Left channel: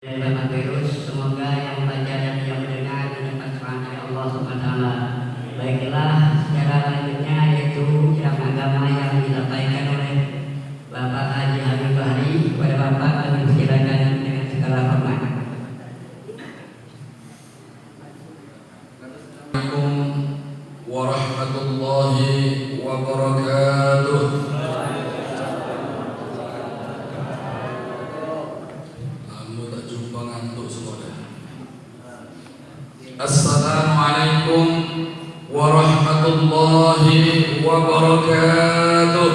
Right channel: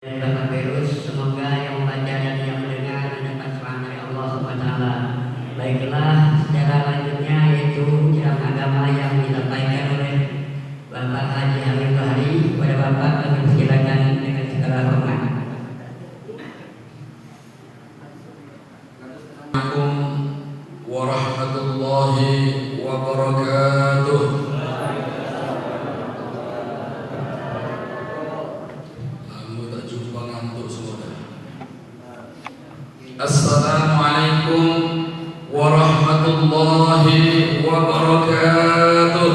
Coronavirus, semoga yang membaca dan yang mendengar mendapat rahmat dari Allah Subhanahu wa taala. Baiklah, secara lanjutnya yaitu ceramah agama yang disampaikan oleh Bapak Haji Hamid Bahri. Kepada Bapak kami persilakan dengan segala hormat. Assalamualaikum warahmatullahi wabarakatuh. Assalamualaikum warahmatullahi wabarakatuh.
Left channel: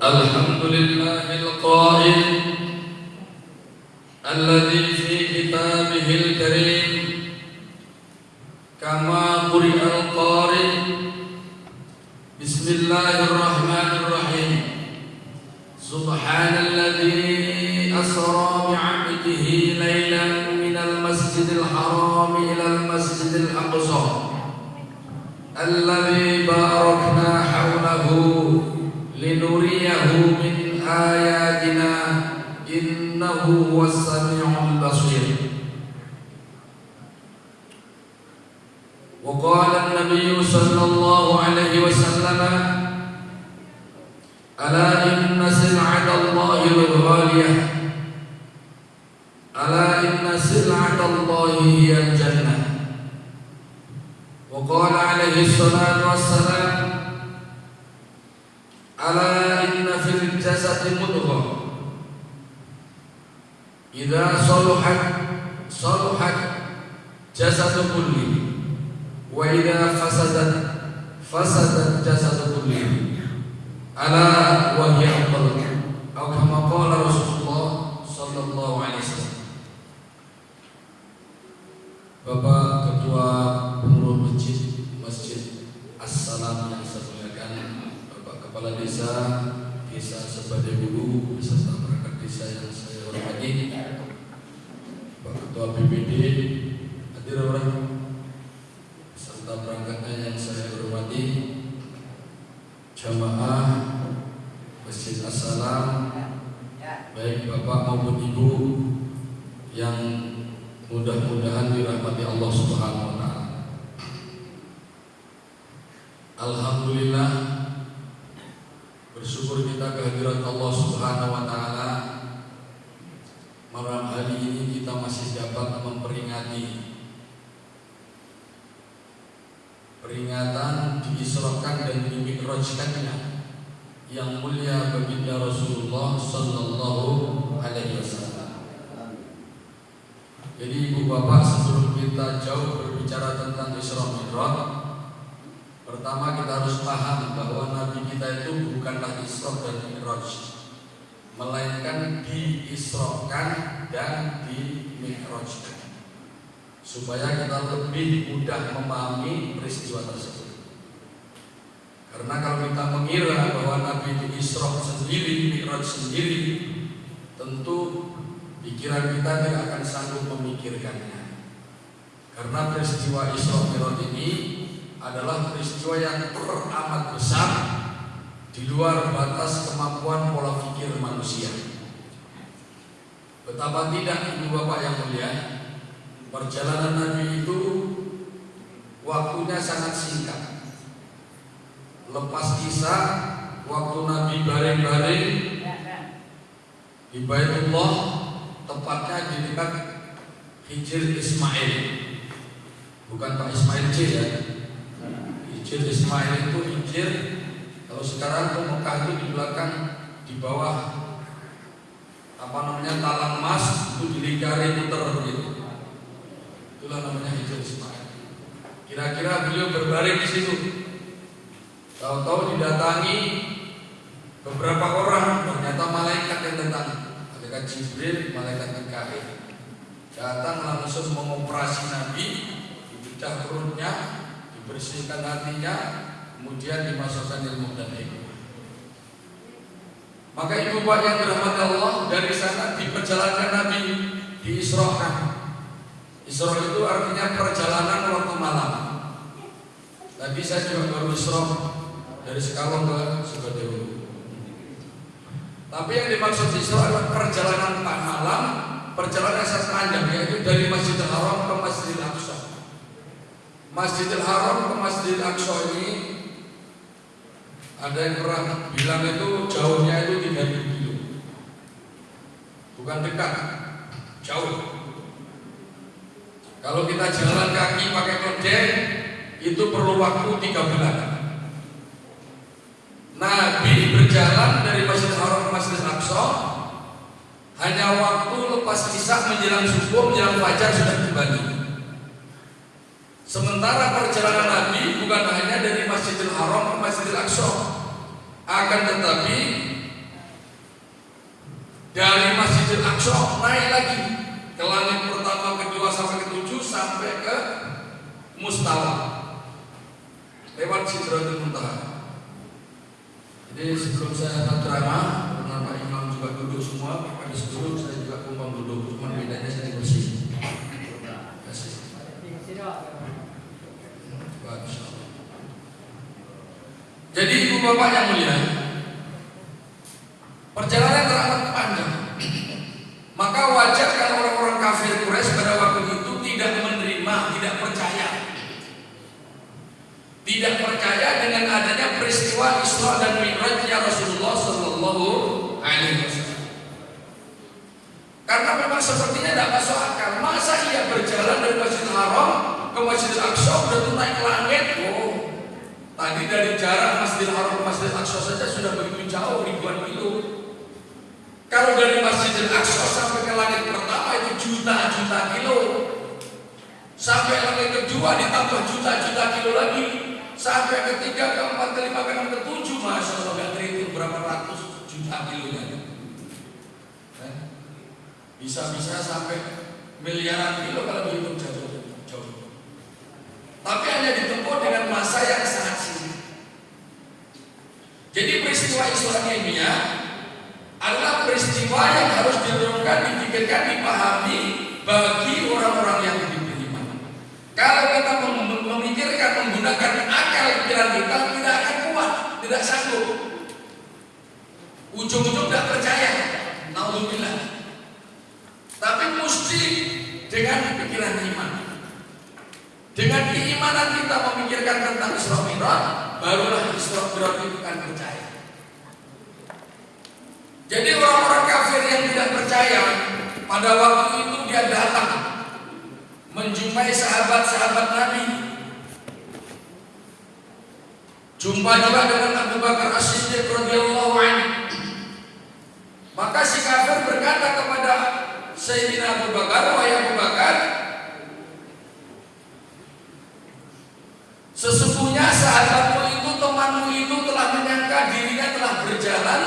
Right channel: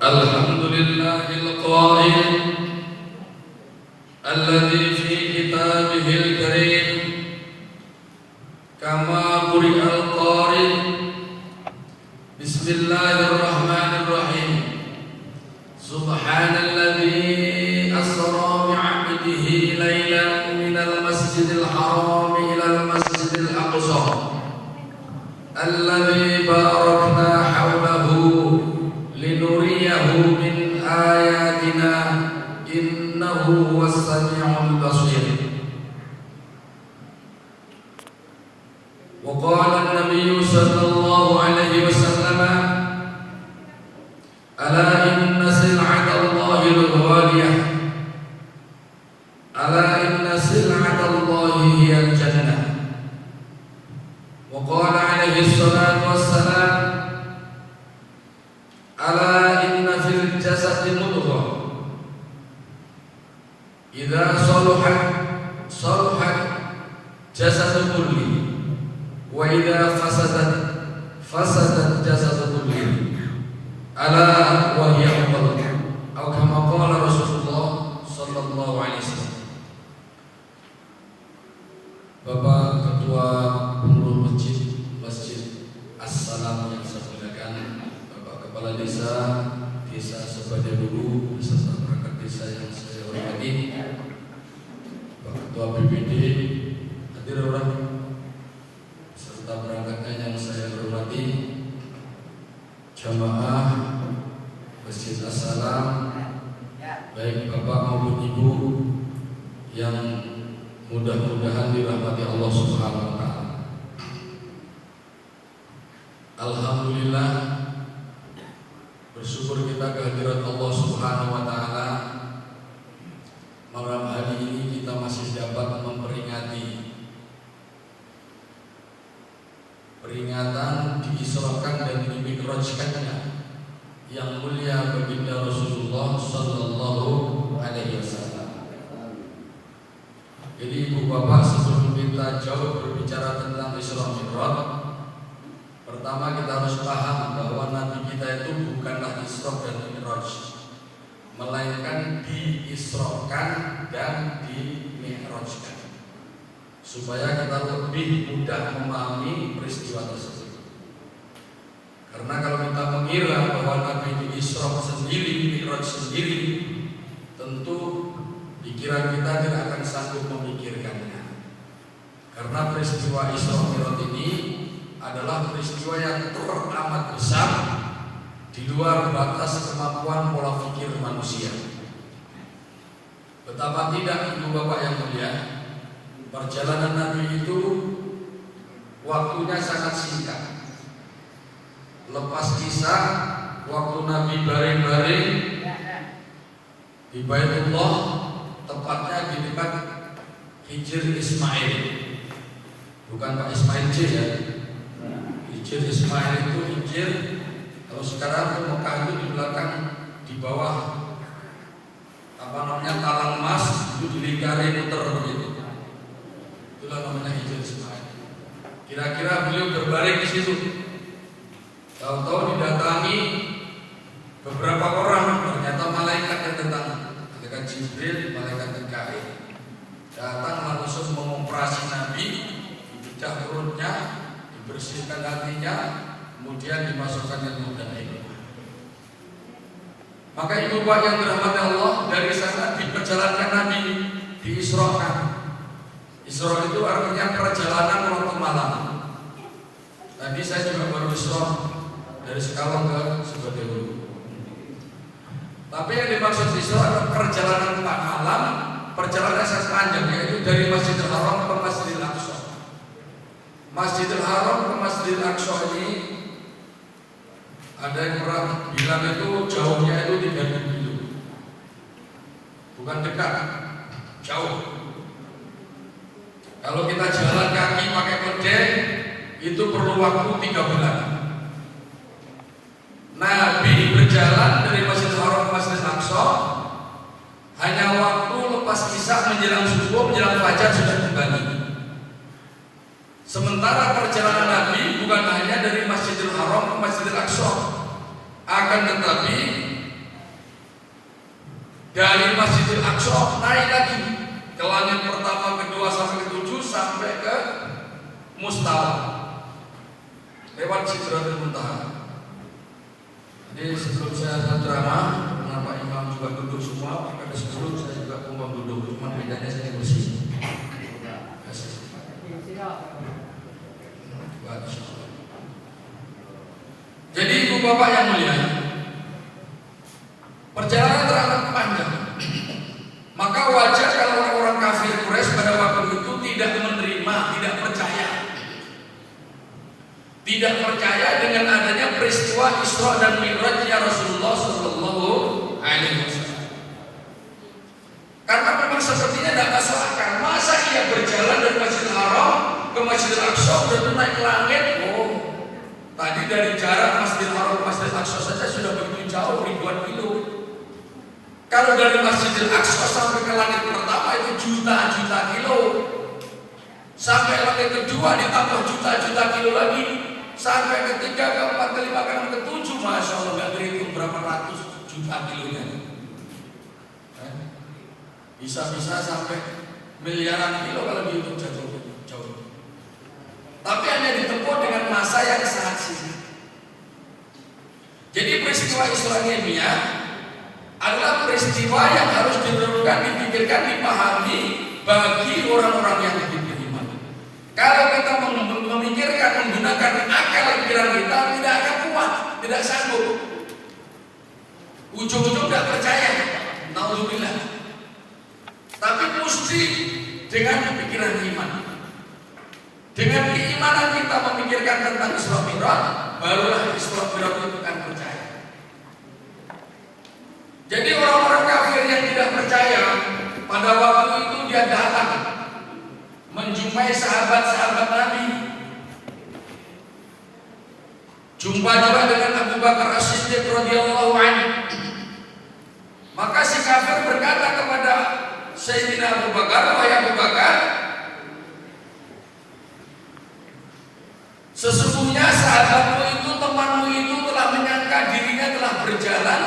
Alhamdulillahil qail alladzi fi kitabihil karim kama quri'al qari. Bismillahirrahmanirrahim. Subhanalladzi أسرى بعبده ليلا من المسجد الحرام إلى المسجد الأقصى الذي باركنا حوله لنريه من آياتنا إنه هو السميع البصير. وقال النبي صلى الله عليه وسلم ألا إن سلعة الله الغالية ألا إن سلعة الله هي الجنة. وقال عليه الصلاة والسلام ألا إن في الجسد مضغة إذا صلحت صلحت جسد كله وإذا فسدت فسد الجسد كله ألا وهي القلب أو كما قال رسول الله صلى الله عليه وسلم. Bapak Ketua Pengurus Masjid As-Salam yang saya muliakan, Bapak Kepala Desa Sebadebulu beserta perangkat desa yang saya hormati, Pak Ketua BPD, hadir orang serta perangkatnya yang saya hormati, jamaah Masjid As-Salam, baik Bapak maupun Ibu yang mudah-mudahan dirahmati Allah Subhanahu wa taala. Alhamdulillah, bersyukur kita kehadirat Allah Subhanahu wa taala. Malam hari ini kita masih dapat memperingati peringatan diisrakan dan dimi'rajkannya yang mulia baginda Rasulullah sallallahu alaihi wasallam. Jadi ibu bapak, sebelum kita jauh berbicara tentang Isra Mi'raj, pertama kita harus paham bahwa Nabi kita itu bukanlah Isra dan Mi'raj, melainkan diisrakan dan dimi'rajkan, supaya kita lebih mudah memahami peristiwa tersebut. Karena kalau kita mengira bahwa Nabi itu Isra sendiri, Mi'raj sendiri, tentu pikiran kita tidak akan sanggup memikirkannya. Karena peristiwa Isra Mi'raj ini adalah peristiwa yang teramat besar di luar batas kemampuan pola pikir manusia. Betapa tidak ibu bapak yang mulia, perjalanan Nabi itu waktunya sangat singkat. Lepas kisah waktu Nabi baring-baring di Baitullah, tepatnya di dekat Hijr Ismail, bukan Pak Ismail C ya. Hijr Ismail itu Hijr, kalau sekarang ke Mekah itu di belakang, di bawah apa namanya talang emas itu dilingkari muter gitu. Itulah namanya Hijr Ismail. Kira-kira beliau berbaring di situ. Tahu-tahu didatangi beberapa orang, ternyata malaikat yang datang. Malaikat Jibril, malaikat Mikail datang langsung mengoperasi Nabi, dipecah perutnya, dibersihkan hatinya, kemudian dimasukkan ilmu dan hikmah. Maka ibu bapak yang dirahmati Allah, dari sana diperjalankan Nabi, diisrakan. Isra itu artinya perjalanan waktu malam. Tadi saya juga baru isra dari Sekalong ke Sebadebulu. Tapi yang dimaksud Isra adalah perjalanan 4 malam, perjalanan yang sangat panjang, yaitu dari Masjidil Haram ke Masjidil Aqsa. Masjidil Haram ke Masjidil Aqsa ini ada yang pernah bilang itu jauhnya itu 3.000 kilo. Bukan dekat, jauh. Kalau kita jalan kaki pakai keledai itu perlu waktu 3 bulan. Nabi berjalan dari Masjidil Haram ke Masjidil Aqsa hanya waktu lepas Isya menjelang subuh, menjelang fajar sudah kembali. Sementara perjalanan Nabi bukan hanya dari Masjidil Haram ke Masjidil Aqsa, akan tetapi dari Masjidil Aqsa naik lagi ke langit pertama, kedua sampai ke-7 sampai ke Mustawa lewat Sidratul Muntaha. Jadi sebelum saya ceramah, karena Pak Imam juga duduk semua, pada sebelum saya juga kumpul duduk, cuma bedanya saya bersih. Jadi ibu bapak yang mulia, perjalanan teramat panjang. Maka wajar kalau orang-orang kafir Quraisy pada waktu itu tidak menerima, tidak percaya dengan adanya peristiwa Isra dan Mi'rajnya Rasulullah Sallallahu Alaihi Wasallam. Karena memang sepertinya tidak masuk akal. Masa ia berjalan dari Masjidil Haram ke Masjidil Aqsa udah tuh naik ke langit? Tadi dari jarak Masjidil Haram ke Masjidil Aqsa saja sudah begitu jauh, ribuan kilo. Kalau dari Masjidil Aqsa sampai ke langit pertama itu juta-juta kilo. Sampai langit kedua ditambah juta-juta kilo lagi. Sampai ketiga, keempat, kelima, keenam, ketujuh, masya Allah nggak terhitung berapa ratus juta kilonya. Bisa-bisa sampai miliaran kilo kalau dihitung jauh. Tapi hanya ditempuh dengan masa yang sangat singkat. Jadi peristiwa Isra Mi'raj adalah peristiwa yang harus direnungkan, dipikirkan, dipahami bagi orang-orang yang beriman. Kalau kita memikirkan menggunakan akal pikiran kita, tidak akan kuat, tidak sanggup. Ujung-ujung tidak percaya. Alhamdulillah. Tapi mesti dengan pikiran iman. Dengan keimanan kita memikirkan tentang Isra Mi'raj, barulah Isra Mi'raj itu akan percaya. Jadi orang-orang kafir yang tidak percaya, pada waktu itu dia datang menjumpai sahabat-sahabat Nabi. Jumpa juga dengan Abu Bakar As-Siddiq radhiyallahu anhu. Maka si kafir berkata kepada Sayyidina Abu Bakar, "Wahai Abu Bakar, sesungguhnya sahabatmu itu, temanmu itu telah menyangka dirinya telah berjalan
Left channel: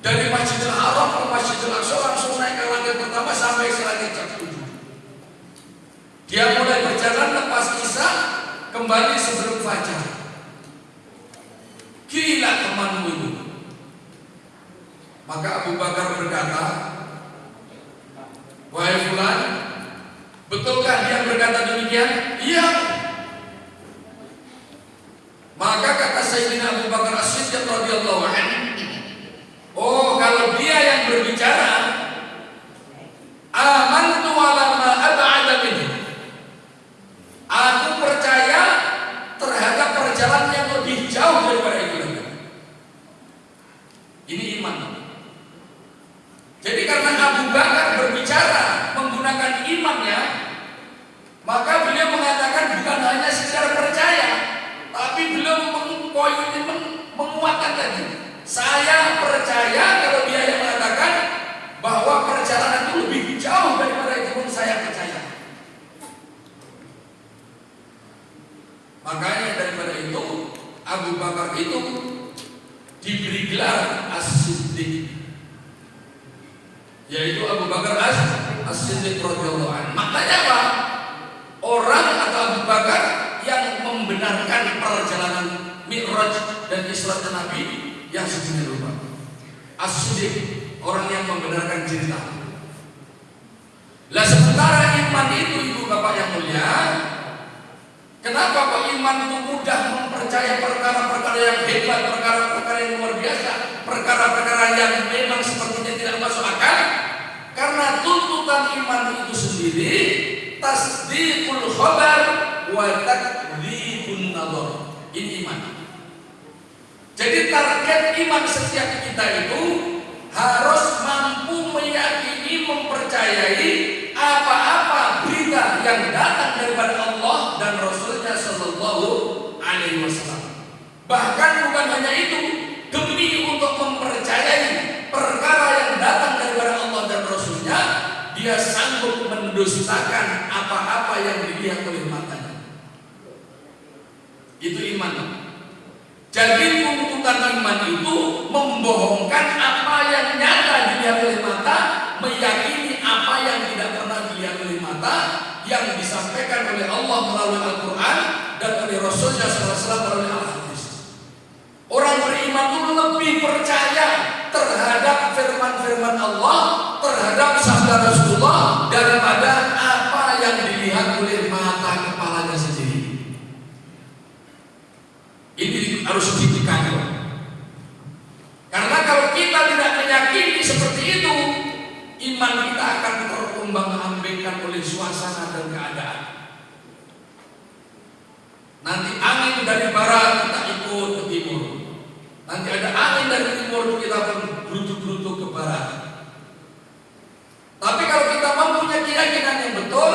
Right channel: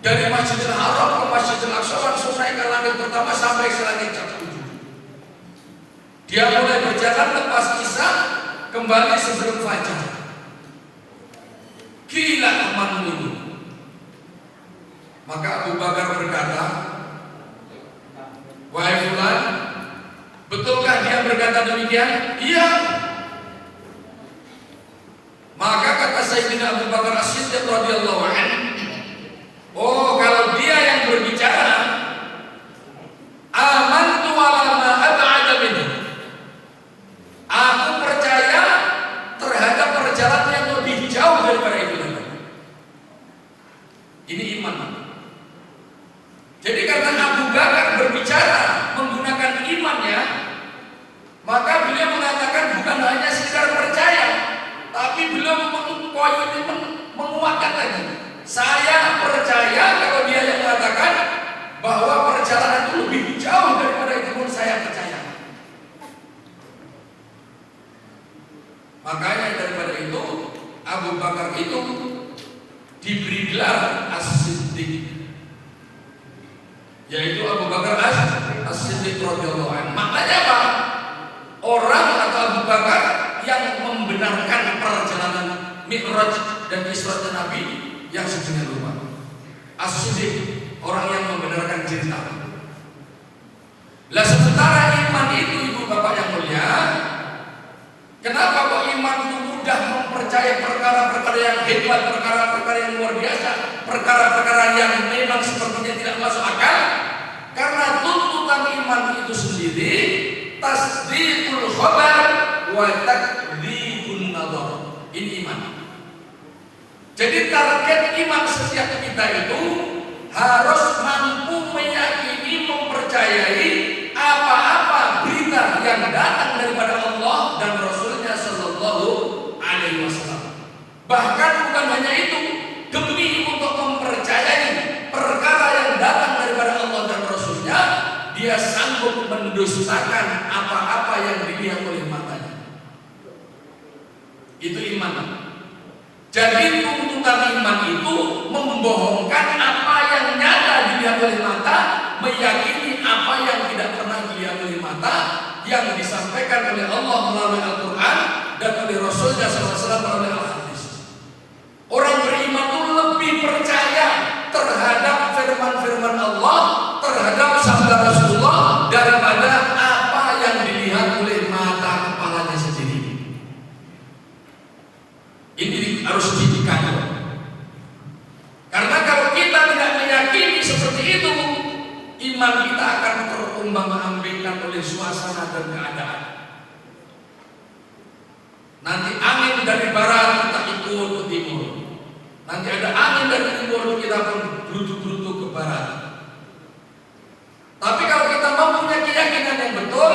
dari Masjidil Haram ke Masjidil Aqsa, langsung naik ke langit pertama sampai ke langit ke-7. Dia mulai berjalan lepas Isya, kembali sebelum fajar. Gila temanmu ini." Maka Abu Bakar berkata, "Wahai fulan, betulkah dia berkata demikian?" "Iya." Maka kata Sayyidina Abu Bakar As-Siddiq radhiyallahu anhu, "Oh, kalau dia yang berbicara, amantu ala ma ab'ada minhu." Aku percaya terhadap perjalanan yang lebih jauh daripada itu. Ini iman. Jadi karena Abu Bakar berbicara menggunakan imannya, maka beliau mengatakan bukan hanya sekedar percaya, tapi beliau menguatkan lagi. Saya percaya kalau dia yang mengatakan bahwa perjalanan itu lebih jauh daripada itu pun saya percaya. Makanya daripada itu Abu Bakar itu diberi gelar As-Siddiq, yaitu Abu Bakar As-Siddiq radhiyallahu anhu. Makanya apa? Orang atau Abu Bakar yang membenarkan perjalanan Mi'raj dan Isra Nabi yang sedemikian rupa. As-Siddiq, orang yang membenarkan cerita. Lah sementara iman itu, ibu bapak yang mulia, kenapa kok iman itu mudah mempercayai perkara-perkara yang hebat, perkara-perkara yang luar biasa, perkara-perkara yang wa takdzibun nazar. Ini iman. Jadi target iman setiap kita itu harus mampu meyakini, mempercayai apa-apa berita yang datang daripada Allah dan Rasulnya Sallallahu Alaihi Wasallam. Bahkan bukan hanya itu, demi untuk mempercayai perkara yang datang daripada Allah dan Rasulnya, dia sanggup mendustakan apa-apa yang dilihat oleh matanya. Itu iman. Jadi tuntutan iman itu membohongkan apa yang nyata dilihat oleh mata, meyakini apa yang tidak pernah dilihat oleh mata, yang disampaikan oleh Allah melalui Al-Quran dan oleh Rasulnya SAW melalui Al-Hadis. Orang beriman itu lebih percaya terhadap firman-firman Allah, terhadap sabda Rasulullah daripada apa yang dilihat oleh mata kepalanya sendiri. Ini harus didikan. Karena kalau kita tidak meyakini seperti itu, iman kita akan terombang-ambingkan oleh suasana dan keadaan. Nanti angin dari barat kita ikut ke timur. Nanti ada angin dari timur kita pun berutuk-berutuk ke barat. Tapi kalau kita mempunyai keyakinan yang betul,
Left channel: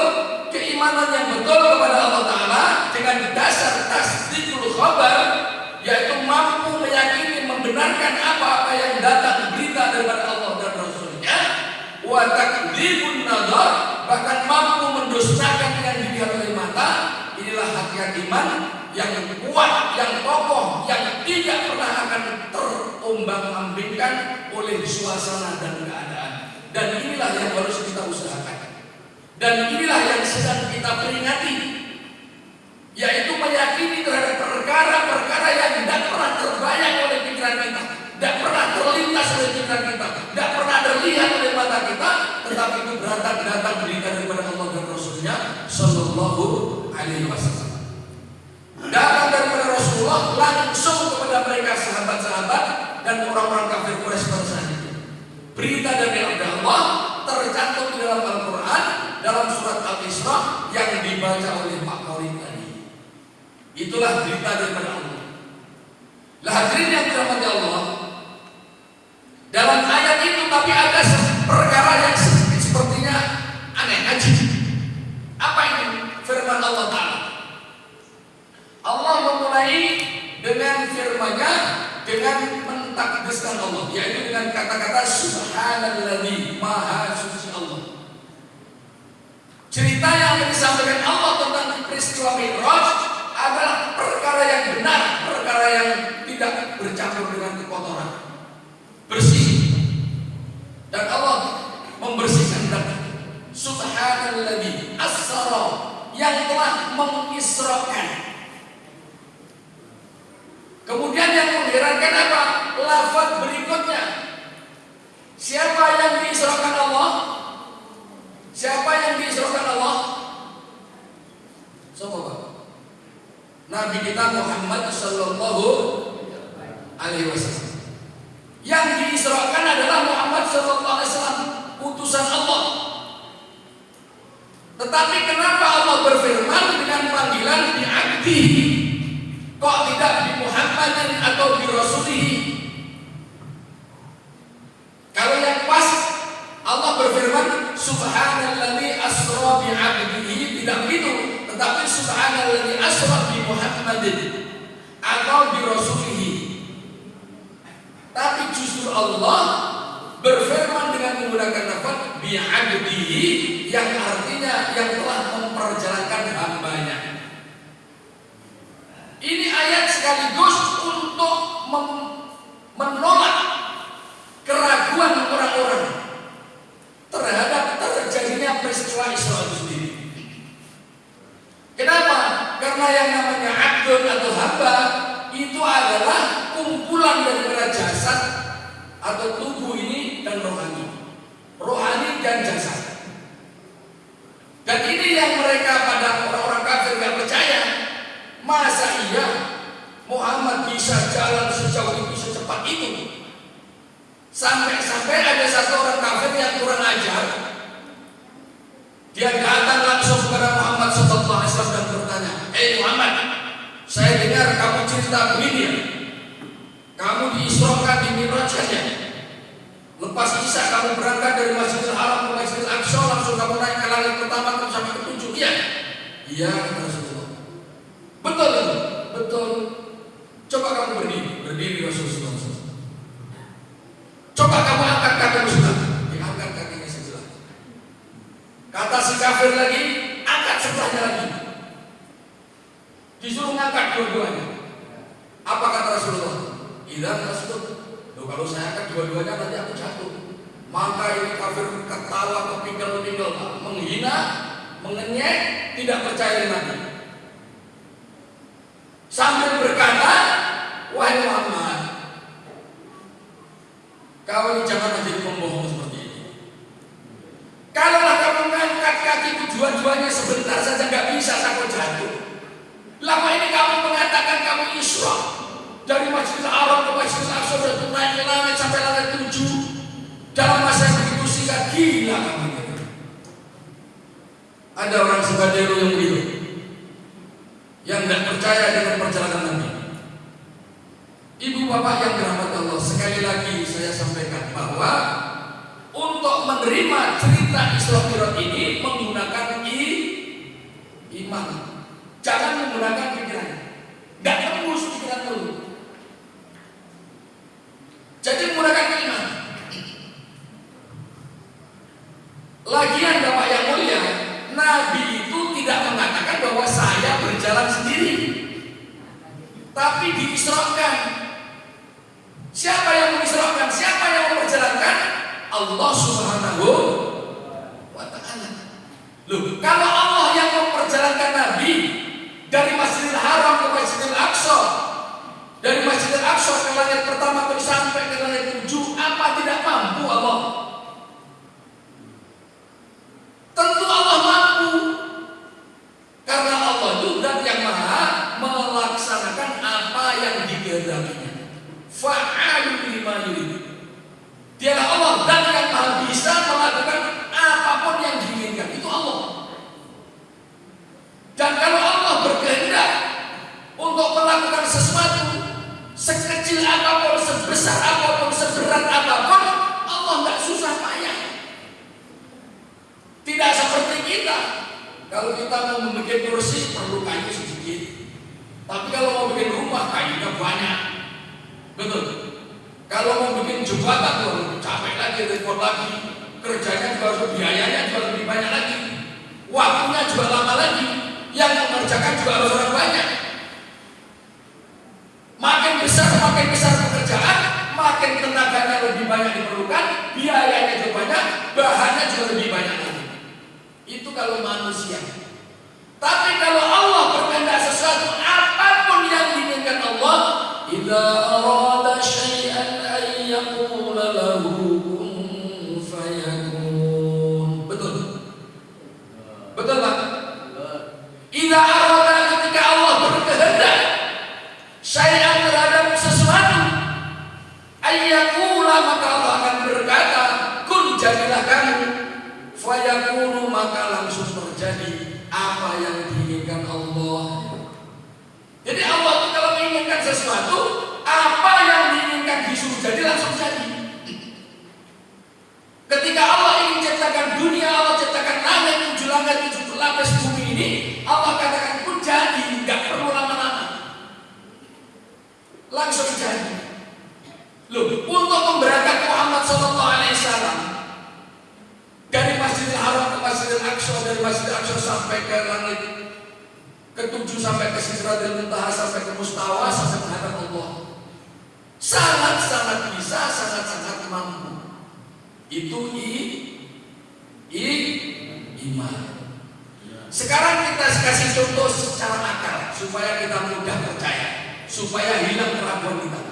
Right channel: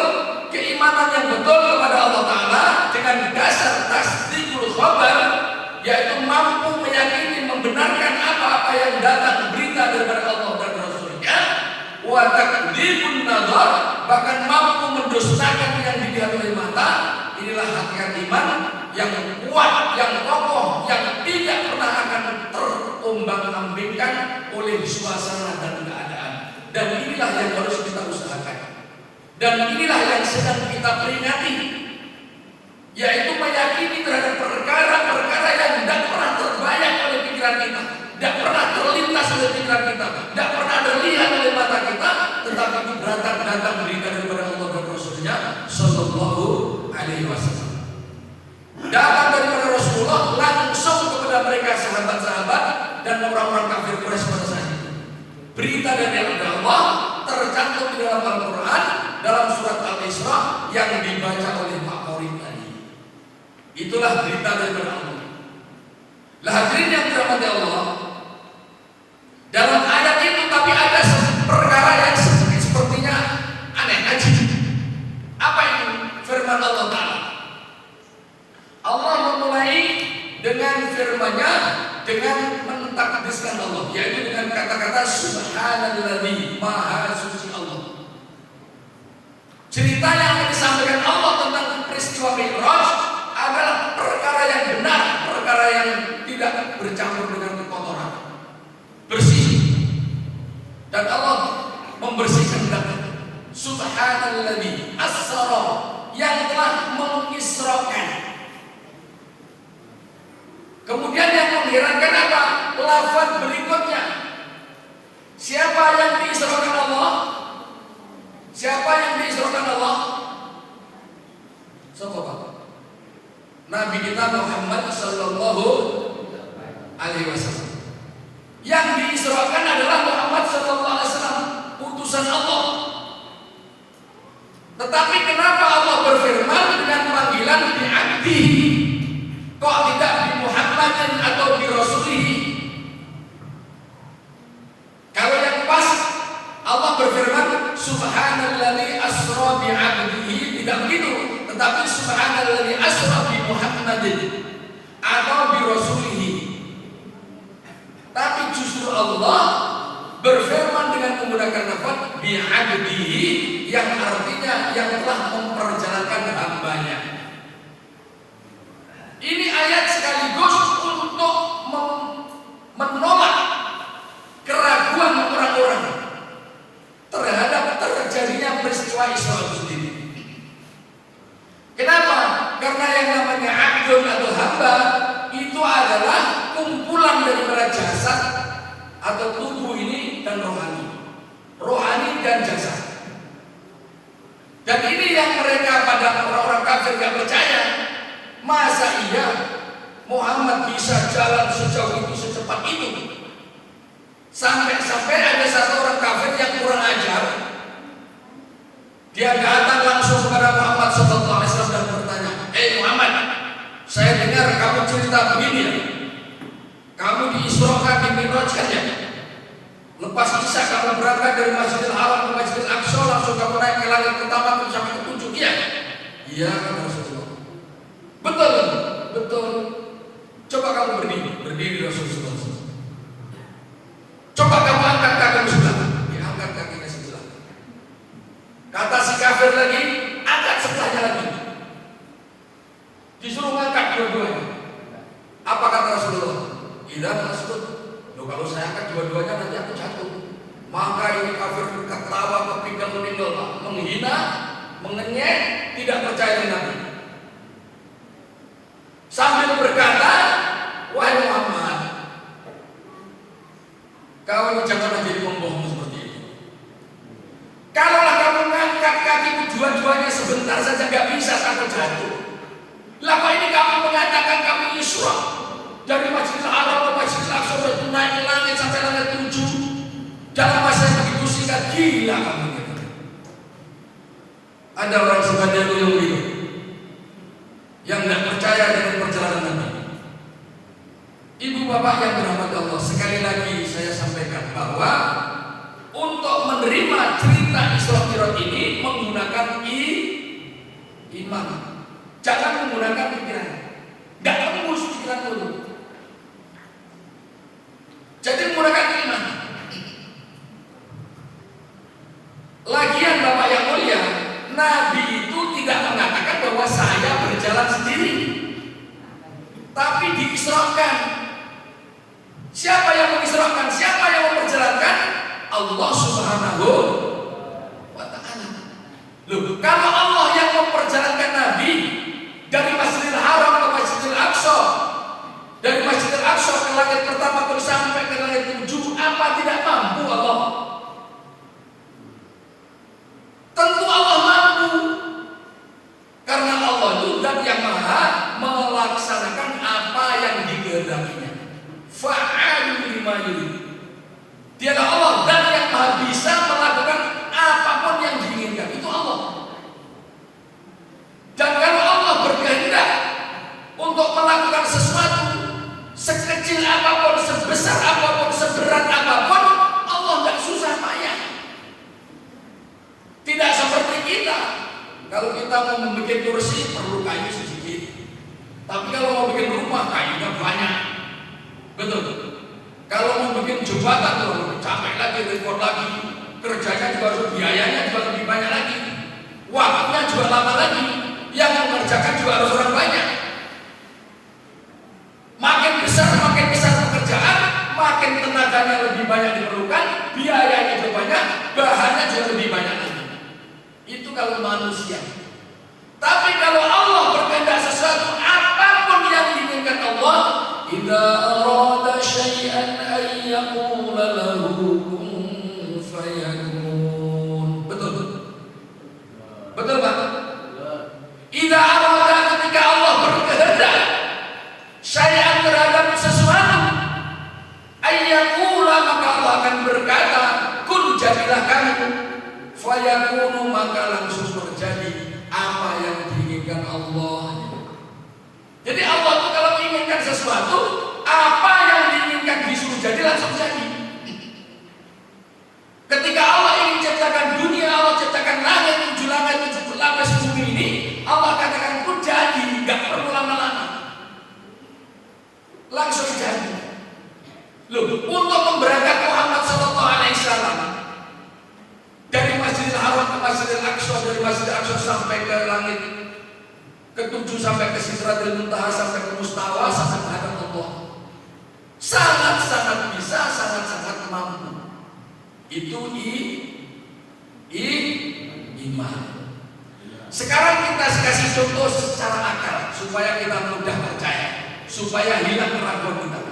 keimanan yang betul kepada Allah Ta'ala dengan dasar tasdikul khabar, yaitu mampu meyakini, membenarkan apa-apa yang datang berita daripada Allah dan Rasulnya, wa takdzibun nazar, bahkan mampu mendustakan yang dilihat oleh mata. Inilah hakikat iman yang kuat, yang kokoh, yang tidak pernah akan terombang-ambingkan oleh suasana dan keadaan. Dan inilah yang harus kita usahakan. Dan inilah yang sedang kita peringati, yaitu meyakini terhadap perkara-perkara yang tidak pernah terbayang oleh pikiran kita, tidak pernah terlintas oleh pikiran kita, tidak pernah terlihat oleh mata kita, tetapi itu datang berita daripada Allah dan Rasulnya Sallallahu Alaihi Wasallam. Datang daripada Rasulullah langsung kepada mereka sahabat-sahabat dan orang-orang kafir Quraisy pada saat itu. Berita dari Allah tercantum di dalam Al-Quran dalam surat Al-Isra yang dibaca oleh Pak Maulid tadi. Itulah berita daripada Allah. Lah hadirin yang dirahmati Allah, dalam ayat itu tapi ada perkara yang sepertinya aneh, ajib. Apa ini? Firman Allah Ta'ala. Allah memulai dengan firman-Nya dengan mentakdiskan Allah, yaitu dengan kata-kata Subhanalladzi, Maha Suci Allah. Cerita yang disampaikan Allah tentang peristiwa Mi'raj adalah perkara yang benar, perkara yang tidak bercampur dengan kekotoran, bersih. Dan Allah membersihkan diri. Subhanalladzi asra, yang telah mengisrakan. Kemudian yang mengherankan apa? Lafaz berikutnya. Siapa yang diisrakan Allah? Siapa yang diisrakan Allah? Siapa Pak? Nabi kita Muhammad Sallallahu Alaihi Wasallam. Yang diisrakan adalah Muhammad Sallallahu Alaihi Wasallam, utusan Allah. Tetapi kenapa Allah berfirman dengan panggilan bi abdihi? Kok tidak bi Muhammadin atau bi Rasulihi? Kalau yang pas Allah berfirman Subhanalladzi asra bi abdihi, tidak begitu, tetapi Subhanalladzi asra bi Muhammadin atau bi Rasulihi. Tapi justru Allah berfirman dengan menggunakan lafaz bi abdihi, yang artinya yang telah memperjalankan hambanya. Ini ayat sekaligus untuk menolak keraguan orang-orang terhadap terjadinya peristiwa Isra itu sendiri. Kenapa? Karena yang namanya abdun atau hamba itu adalah kumpulan daripada jasad atau tubuh ini dan rohani dan jasad. Dan ini yang mereka pada orang-orang kafir yang percaya. Masa iya Muhammad bisa jalan sejauh itu, secepat itu? Sampai-sampai ada satu orang kafir yang kurang ajar, Dia datang langsung kepada Muhammad sallallahu alaihi wasallam dan bertanya, Muhammad, saya dengar kamu cerita begini ya. Kamu diisrokan, dimi'rajkan ya. Lepas Isya kamu berangkat dari Masjidil Haram ke Masjidil Aqsa, langsung kamu naik ke langit pertama sampai ke 7. Iya? Iya, kata Rasulullah. Betul, betul. Coba kamu berdiri Rasulullah. Coba kamu angkat kakimu sebelah. Diangkat kakinya sebelah. Kata si kafir lagi, angkat sebelahnya lagi. Disuruh ngangkat dua-duanya. Apa kata Rasulullah? Idza tasbut. Loh, kalau saya angkat dua-duanya nanti aku jatuh. Maka ini kafir ketawa, kepinggang meninggal, menghina, mengenyek, tidak percaya Nabi. Sambil berkata, wahai Muhammad, kau jangan menjadi pembohong seperti ini. Kalaulah kamu mengangkat kakimu dua-duanya sebentar saja nggak bisa kamu jatuh. Lama ini kamu mengatakan kamu Isra dari Masjidil Haram ke Masjidil Aqsa dan naik ke langit sampai langit 7 dalam masa yang begitu singkat. Gila kamu. Ada orang sebadelu yang begitu, yang tidak percaya dengan perjalanan Nabi. Ibu bapak yang dirahmati Allah, sekali lagi saya sampaikan bahwa untuk menerima cerita Isra Mi'raj ini menggunakan iman. Jangan menggunakan pikiran. Gak tembus pikiran dulu. Jadi menggunakan iman. Lagian Bapak yang mulia, Nabi itu tidak mengatakan bahwa saya berjalan sendiri, tapi diisrakan. Siapa yang mengisrakan? Siapa yang memperjalankan? Allah Subhanahu wa ta'ala. Loh, kalau Allah yang memperjalankan Nabi dari Masjidil Haram ke Masjidil Aqsa, dari Masjidil Aqsa ke langit pertama terus sampai ke langit 7, apa tidak mampu Allah? Tentu Allah mampu, karena Allah itu zat yang maha melaksanakan apa yang dikehendakinya. Fa'alu lima yurid. Dialah Allah zat yang maha bisa melakukan apapun yang diinginkan. Itu Allah. Dan kalau Allah berkehendak untuk melakukan sesuatu, sekecil apapun, sebesar apapun, seberat apapun, Allah tidak susah payah. Tidak seperti kita. Kalau kita mau membuat kursi perlu kayu sedikit, tapi kalau mau bikin rumah kayunya banyak. Betul. Kalau mau bikin jembatan tuh capek lagi, repot lagi, kerjanya juga harus, biayanya juga lebih banyak lagi, waktunya juga lama lagi, yang mengerjakan juga harus orang banyak. Makin besar pekerjaan, makin tenaganya lebih banyak diperlukan, biayanya juga banyak, bahannya juga lebih banyak lagi. Itu kalau manusia. Tapi kalau Allah berkehendak sesuatu, apapun yang diinginkan Allah, idza arada syai'an ay yaqula lahu kun fayakun. Betul? Betul Pak? Idza arada, ketika Allah berkehendak syai'an terhadap sesuatu, ay yaqula, maka Allah akan berkata, kun, jadilah kamu, fayakunu, maka langsung terjadi apa yang diinginkan Allah. Jadi Allah itu kalau menginginkan sesuatu, apa yang diinginkan disuruh jadi langsung jadi. Ketika Allah ingin ciptakan dunia, Allah ciptakan langit, 7 langit, 7 lapis bumi ini, Allah katakan pun jadi, nggak perlu lama-lama, langsung jadi. Loh, untuk memberangkat Muhammad sallallahu alaihi wasallam dari Masjidil Haram ke Masjidil Aqsa, dari Masjidil Aqsa sampai ke langit ke-7, sampai ke Sidratul Muntaha, sampai ke Mustawa, sampai menghadap Allah, sangat-sangat bisa, sangat-sangat mampu. Itu iman. Sekarang kita kasih contoh secara akal supaya kita mudah percaya, supaya hilang keraguan kita.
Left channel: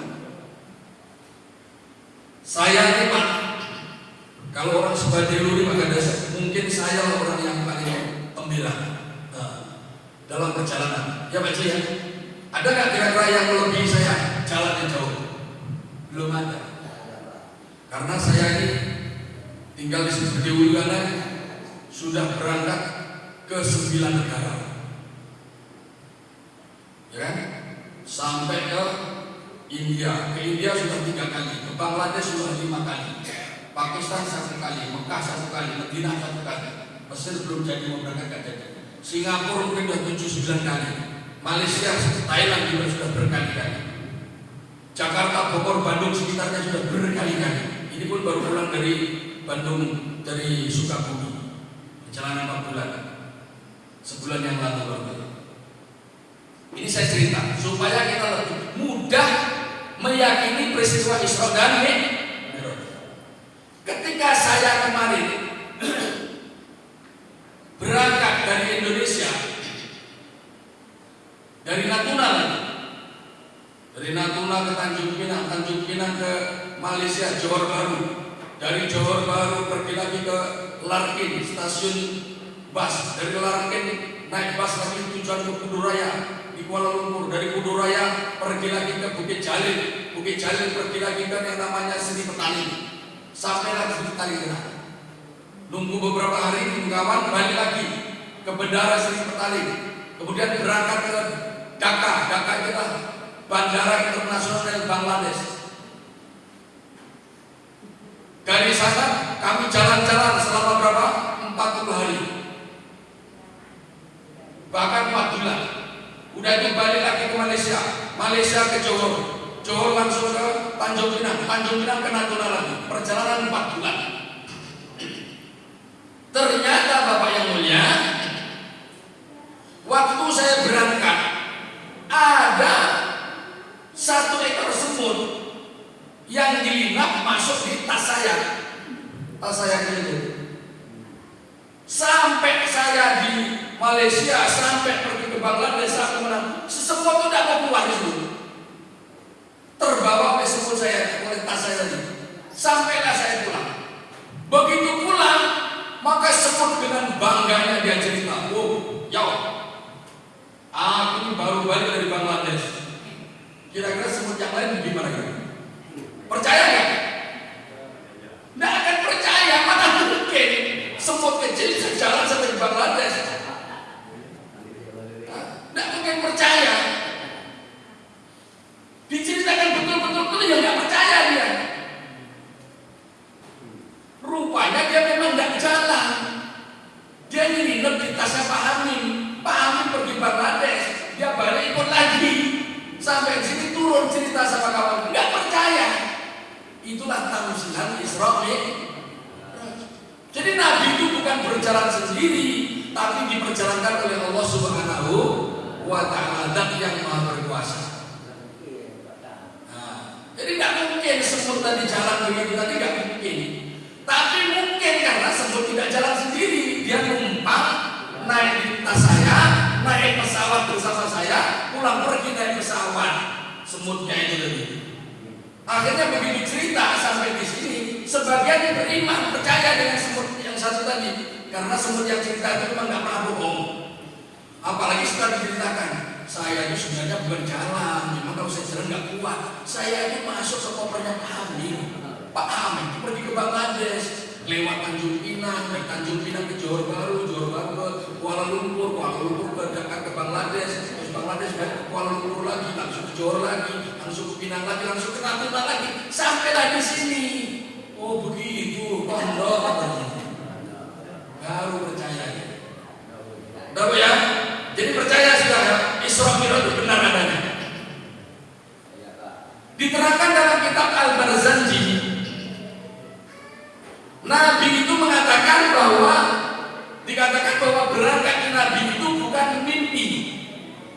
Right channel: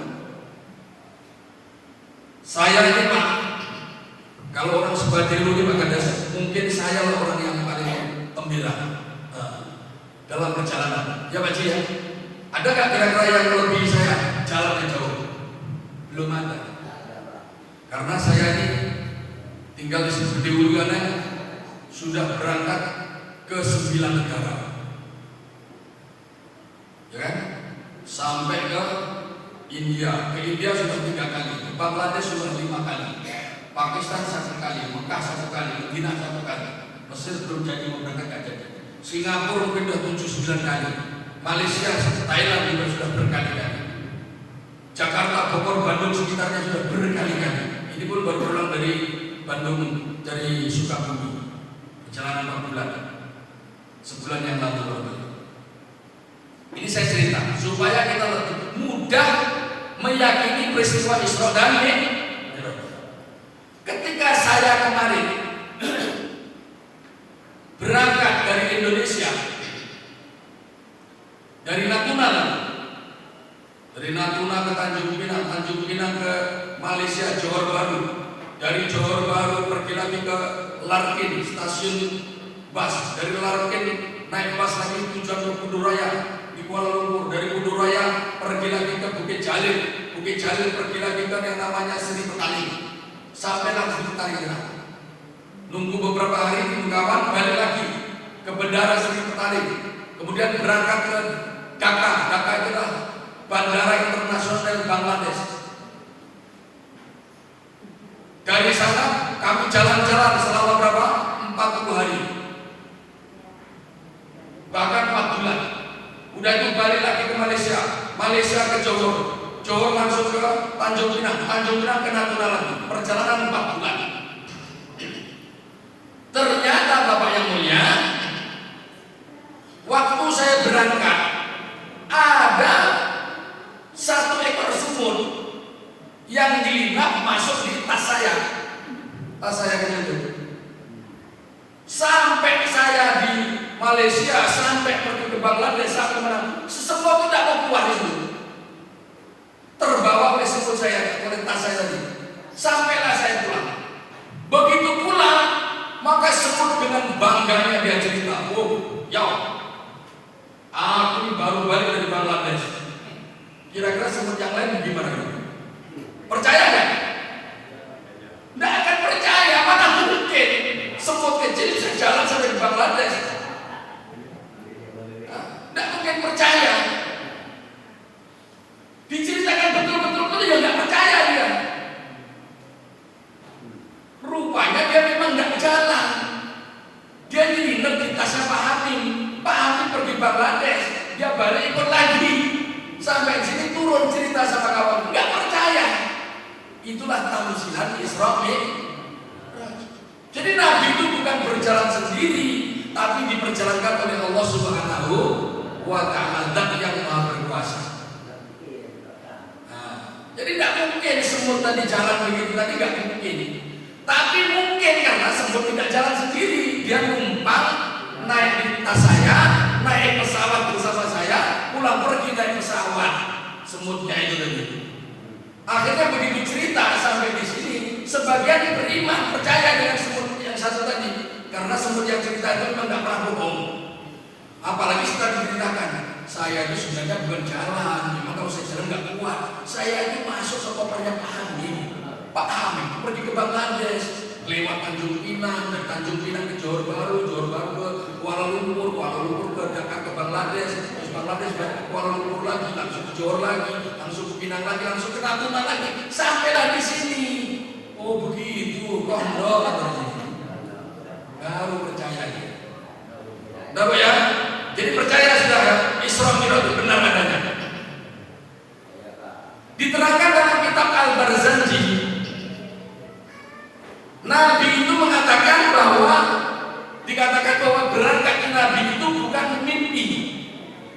Saya ini Pak, kalau orang sebadelu ini Pak Kades, mungkin saya orang yang paling pembela dalam perjalanan. Ya Pak Ji ya. Ada nggak kira-kira yang melebihi saya jalannya jauh? Belum ada. Karena saya ini tinggal di sini di Ulugan, sudah berangkat ke 9 negara, ya kan? Sampai ke India. Ke India sudah 3 kali, ke Bangladesh sudah 5 kali, Pakistan 1 kali, Mekah 1 kali, Madinah 1 kali, Mesir belum jadi, mau berangkat gak jadi. Singapura mungkin sudah 7-9 kali, Malaysia, Thailand juga sudah berkali-kali, Jakarta, Bogor, Bandung sekitarnya sudah berkali-kali. Ini pun baru pulang dari Bandung, dari Sukabumi, perjalanan 4 bulan, sebulan yang lalu. Ini saya cerita supaya kita lebih mudah meyakini peristiwa Isra dan Mi'raj. Ketika saya kemarin berangkat dari Indonesia, dari Natuna lagi, dari Natuna ke Tanjung Pinang, Tanjung Pinang ke Malaysia, Johor Bahru, dari Johor Bahru pergi lagi ke Larkin, stasiun bus, dari Larkin naik bus lagi tujuan ke Kuduraya di Kuala Lumpur, dari Kuduraya pergi lagi ke Bukit Jalil, Bukit Jalil pergi lagi ke yang namanya Seri Petani, sampailah Seri Petani sana. Nunggu beberapa hari di kawan, balik lagi ke Bandara Seri Petani, kemudian berangkat ke Dhaka. Dhaka itulah Bandara Internasional Bangladesh. Dari sana kami jalan-jalan selama berapa? 40 hari, bahkan 4 bulan. Udah itu balik lagi ke Malaysia, Malaysia ke Johor, Johor langsung ke Tanjung Pinang, Tanjung Pinang ke Natuna lagi. Perjalanan 4 bulan. Ternyata Bapak yang mulia, waktu saya berangkat ada 1 ekor semut yang dilinap masuk di tas saya itu. Sampai saya di Malaysia, sampai pergi ke Bangladesh, sampai mana, semua itu tidak mau keluar itu. Terbawa oleh semut saya, oleh tas saya itu. Sampailah saya pulang. Begitu pulang, maka semut dengan bangganya dia cerita, "Oh, ya, aku ini baru balik dari Bangladesh. Kira-kira semut yang lain gimana?" Percaya nggak? Nggak akan percaya, mana mungkin semut kecil bisa jalan sampai di Bangladesh. Nggak mungkin percaya. Diceritakan betul-betul ya nggak percaya dia. Rupanya dia memang nggak jalan. Dia nginep di tasnya Pak Hamim. Pak Hamim pergi Bangladesh, dia balik ikut lagi. Sampai sini turun cerita sama kawan, nggak percaya. Itulah tamsilan Isra Mi'raj. Jadi Nabi itu bukan berjalan sendiri, tapi diperjalankan oleh Allah Subhanahu wa Ta'ala yang Maha Berkuasa. Nah, jadi nggak mungkin semut tadi jalan begitu tadi, nggak mungkin. Tapi mungkin karena semut tidak jalan sendiri, dia numpang naik di tas saya, naik pesawat bersama saya, pulang pergi naik pesawat. Semutnya itu tadi. Akhirnya begitu cerita sampai di sini, sebagian beriman percaya dengan semut yang satu tadi, karena semut yang cerita itu memang nggak pernah bohong. Apalagi setelah diceritakan, saya itu sebenarnya bukan jalan, memang kalau saya jalan nggak kuat. Saya itu masuk ke kopernya Pak Hamid. Pak Hamid pergi ke Bangladesh, lewat Tanjung Pinang, dari Tanjung Pinang ke Johor Bahru, Johor Bahru ke Kuala Lumpur, Kuala Lumpur ke Dhaka ke Bangladesh, terus Bangladesh balik ke Kuala Lumpur lagi, langsung ke Johor lagi, langsung ke Pinang lagi, langsung ke Natuna lagi, sampailah di sini. Oh begitu, kondok baru percaya. Tahu ya? Jadi percaya sudah Isra Mi'raj itu benar adanya. Diterangkan dalam kitab Al-Barzanji, Nabi itu mengatakan bahwa dikatakan bahwa berangkat Nabi itu bukan mimpi,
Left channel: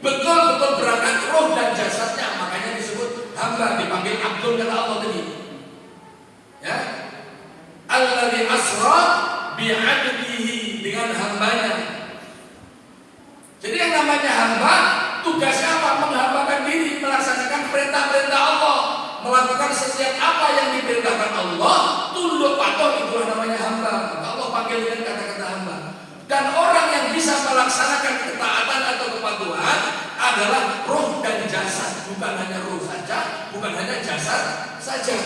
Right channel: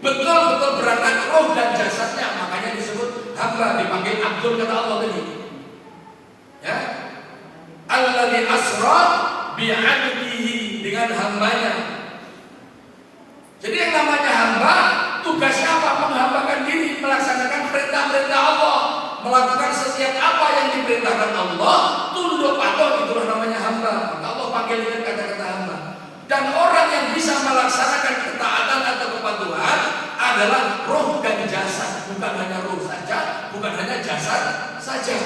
betul-betul berangkat roh dan jasadnya, makanya disebut hamba, dipanggil Abdul kata Allah tadi. Ya, Alladzi asra bi'abdihi, dengan hambanya. Jadi yang namanya hamba, tugasnya apa? Menghambakan diri, melaksanakan perintah-perintah Allah, melakukan setiap apa yang diperintahkan Allah, tunduk patuh, itulah namanya hamba. Maka Allah panggil dengan kata-kata hamba. Dan orang yang bisa melaksanakan ketaatan atau kepatuhan adalah roh dan jasad, bukan hanya roh saja, bukan hanya jasad saja.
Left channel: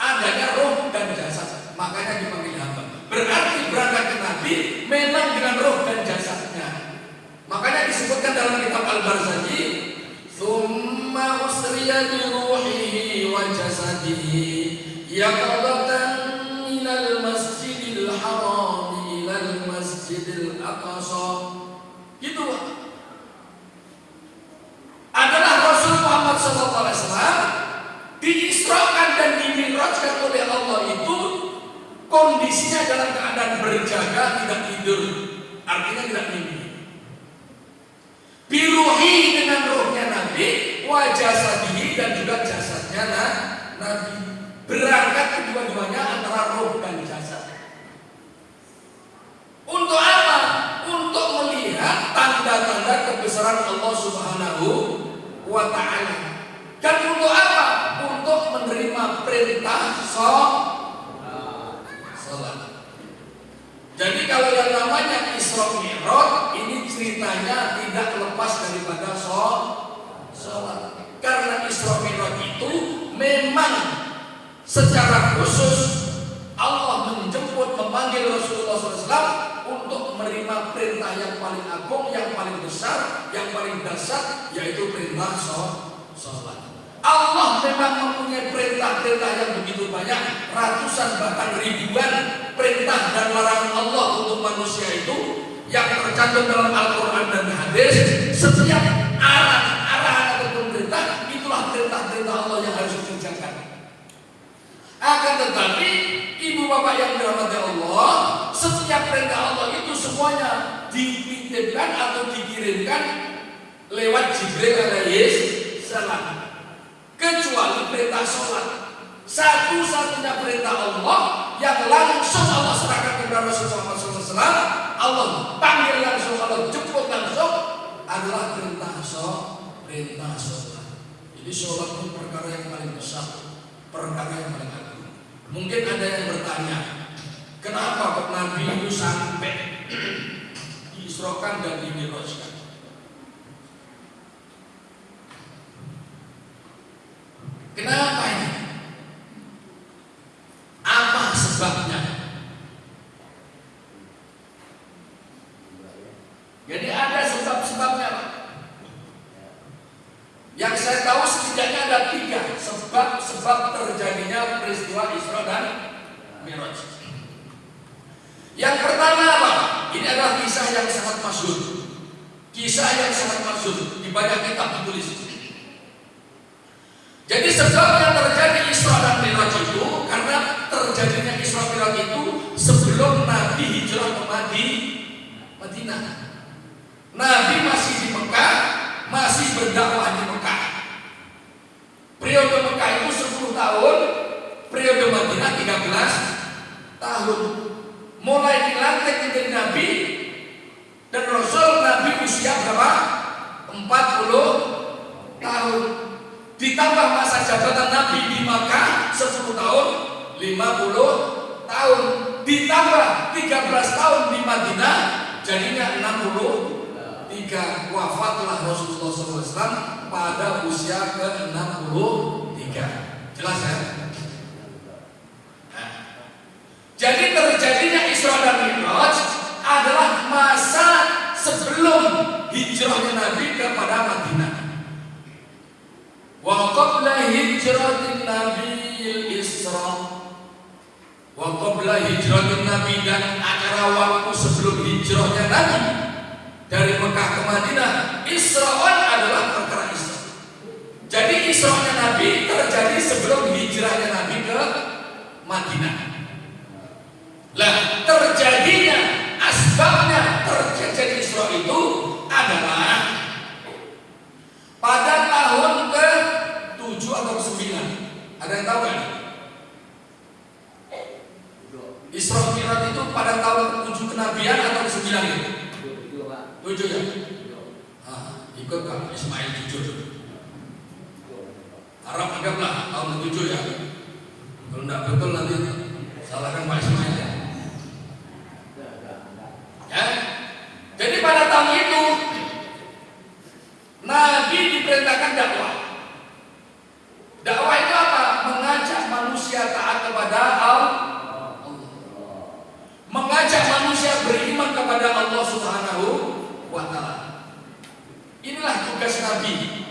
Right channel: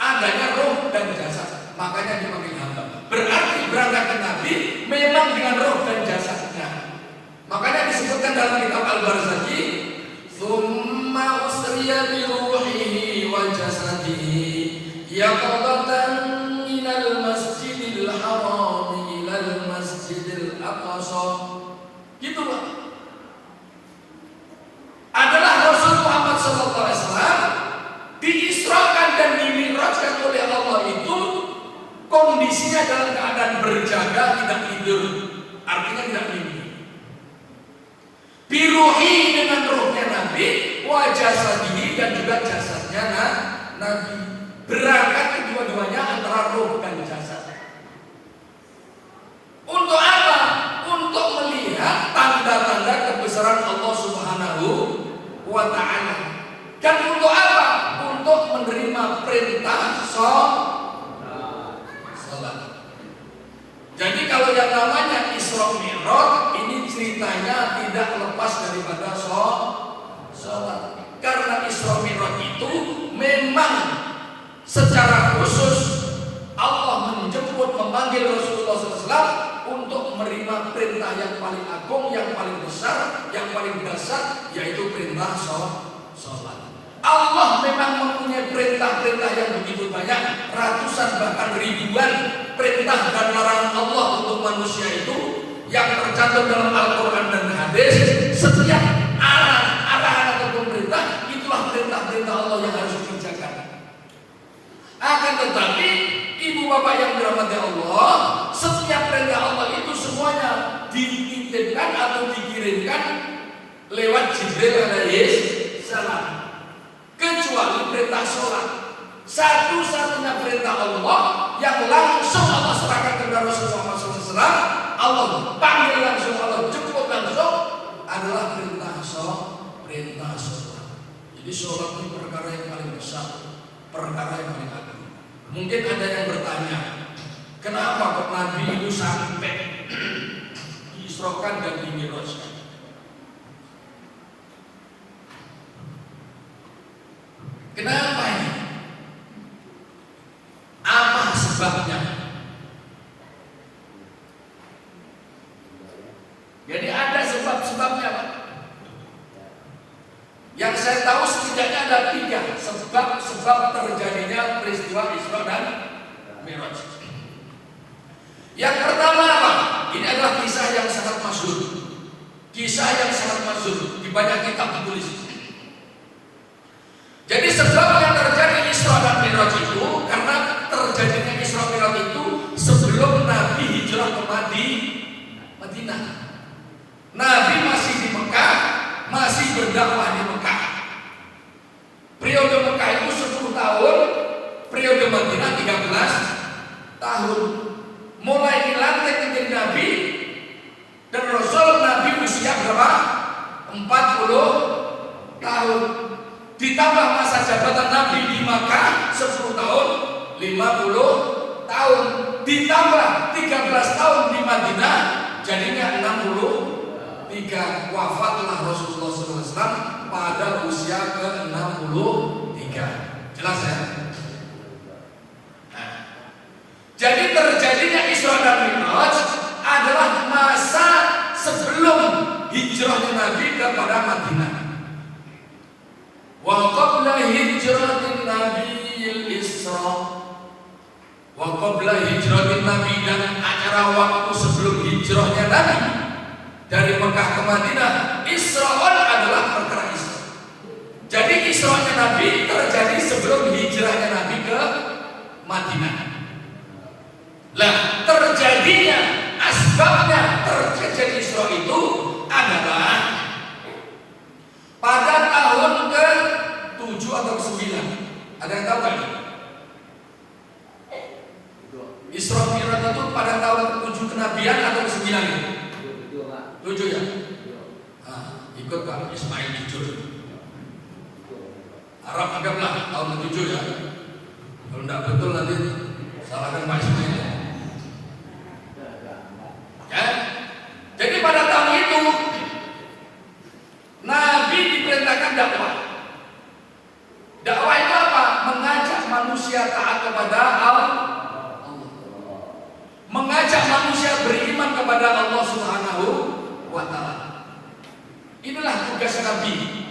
Adanya roh dan jasad, makanya dipanggil hamba. Berarti berangkat ke Nabi memang dengan roh dan jasadnya. Makanya disebutkan dalam kitab Al-Barzanji, "Tsumma usriya bi ruhihi wa jasadihi yaqadatan minal masjidil haram ilal masjidil aqsa." Gitu, Pak. Adalah Rasul Muhammad SAW diisrakan dan dimi'rajkan oleh Allah itu kondisinya dalam keadaan berjaga, tidak tidur. Artinya tidak mimpi. Biruhi dengan rohnya Nabi, wajah jasadihi dan juga jasadnya Nabi. Berangkat kedua-duanya antara roh dan jasad. Untuk apa? Untuk melihat tanda-tanda kebesaran Allah Subhanahu wa ta'ala. Dan untuk apa? Untuk menerima perintah sholat. Jadi kalau yang namanya Isra Mi'raj ini ceritanya tidak lepas daripada sholat. Karena Isra Mi'raj itu memang secara khusus Allah menjemput, memanggil Rasulullah SAW untuk menerima perintah yang paling agung, yang paling besar, yang paling dahsyat, yaitu perintah sholat. Allah memang mempunyai perintah-perintah yang begitu banyak, ratusan bahkan ribuan perintah dan larangan Allah untuk manusia itu yang tercantum dalam Al-Quran dan hadis. Setiap arahan atau perintah itulah perintah-perintah Allah yang harus dikerjakan. Akan tetapi ibu bapak yang dirahmati Allah, setiap perintah Allah itu semuanya dititipkan atau dikirimkan lewat Jibril alaihi salam. Kecuali perintah sholat, satu-satunya perintah Allah yang langsung Allah serahkan kepada Rasulullah SAW, Allah panggil langsung, Allah jemput langsung, adalah perintah sholat. Jadi sholat itu perkara yang paling besar, perkara yang paling agung. Mungkin ada yang bertanya, kenapa kok Nabi itu sampai diisrokan dan dimi'rajkan? Kenapa ini? Apa sebabnya? Jadi ada sebab-sebabnya, Pak. Yang saya tahu setidaknya ada 3 sebab terjadinya peristiwa Isra dan Mi'raj. Yang pertama apa? Ini adalah kisah yang sangat masyhur. Kisah yang sangat masyhur di banyak kitab ditulis. Jadi sebab yang terjadi Isra dan Mi'raj itu karena terjadinya Isra Mi'raj itu sebelum Nabi hijrah ke Madinah. Nabi masih di Mekah, masih berdakwah di Mekah. Periode Mekah itu 10 tahun, periode Madinah 13 tahun. Mulai dilantik menjadi Nabi dan Rasul, Nabi usia berapa? 40 tahun. Ditambah masa jabatan Nabi di Makkah 10 tahun, 50 tahun. Ditambah 13 tahun di Madinah, jadinya 63. Wafatlah Rasulullah SAW pada usia ke-63. Jelas ya? Nah, jadi terjadinya Isra dan Mi'raj adalah masa sebelum hijrahnya Nabi kepada Madinah. Wa qabla hijratin nabiyil Isra, wa qabla hijratin Nabi, dan acara waktu sebelum hijrahnya Nabi dari Mekah ke Madinah, Isra'an adalah perkara Isra. Jadi Isra'nya Nabi terjadi sebelum hijrahnya Nabi ke Madinah. Lah, terjadinya asbabnya terjadi Isra itu adalah pada tahun ke-7 atau ke-9. Ada yang tahu kan? Isra Mi'raj itu pada tahun ke-7 kenabian atau ke-9 gitu? 7 ya? Nah, ikut Pak Ismail jujur. Arab anggaplah tahun ke-7 ya. Kalau tidak betul nanti salahkan Pak Ismail ya. Ya? Jadi pada tahun itu Nabi diperintahkan dakwah. Dakwah itu apa? Mengajak manusia taat kepada Allah, tugas Nabi.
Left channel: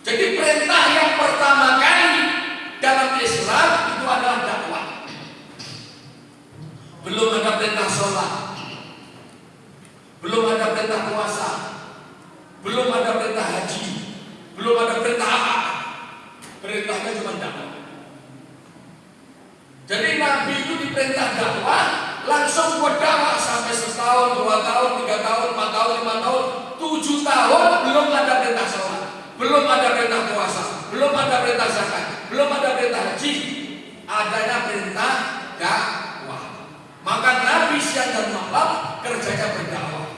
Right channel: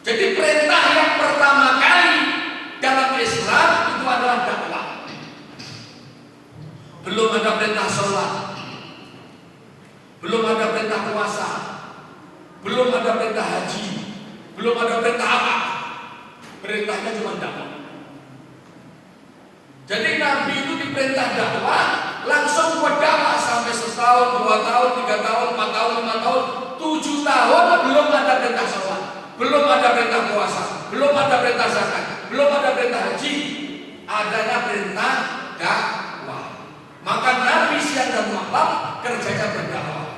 Jadi perintah yang pertama kali dalam Islam itu adalah dakwah. Belum ada perintah sholat, belum ada perintah puasa, belum ada perintah haji, belum ada perintah apa. Perintahnya cuma dakwah. Jadi Nabi itu diperintah dakwah, langsung buat dakwah sampai setahun, 2 tahun, 3 tahun, 4 tahun, 5 tahun, 7 tahun belum ada perintah sholat, belum ada perintah puasa, belum ada perintah zakat, belum ada perintah haji, adanya perintah dakwah. Maka Nabi siang dan malam kerjanya berdakwah,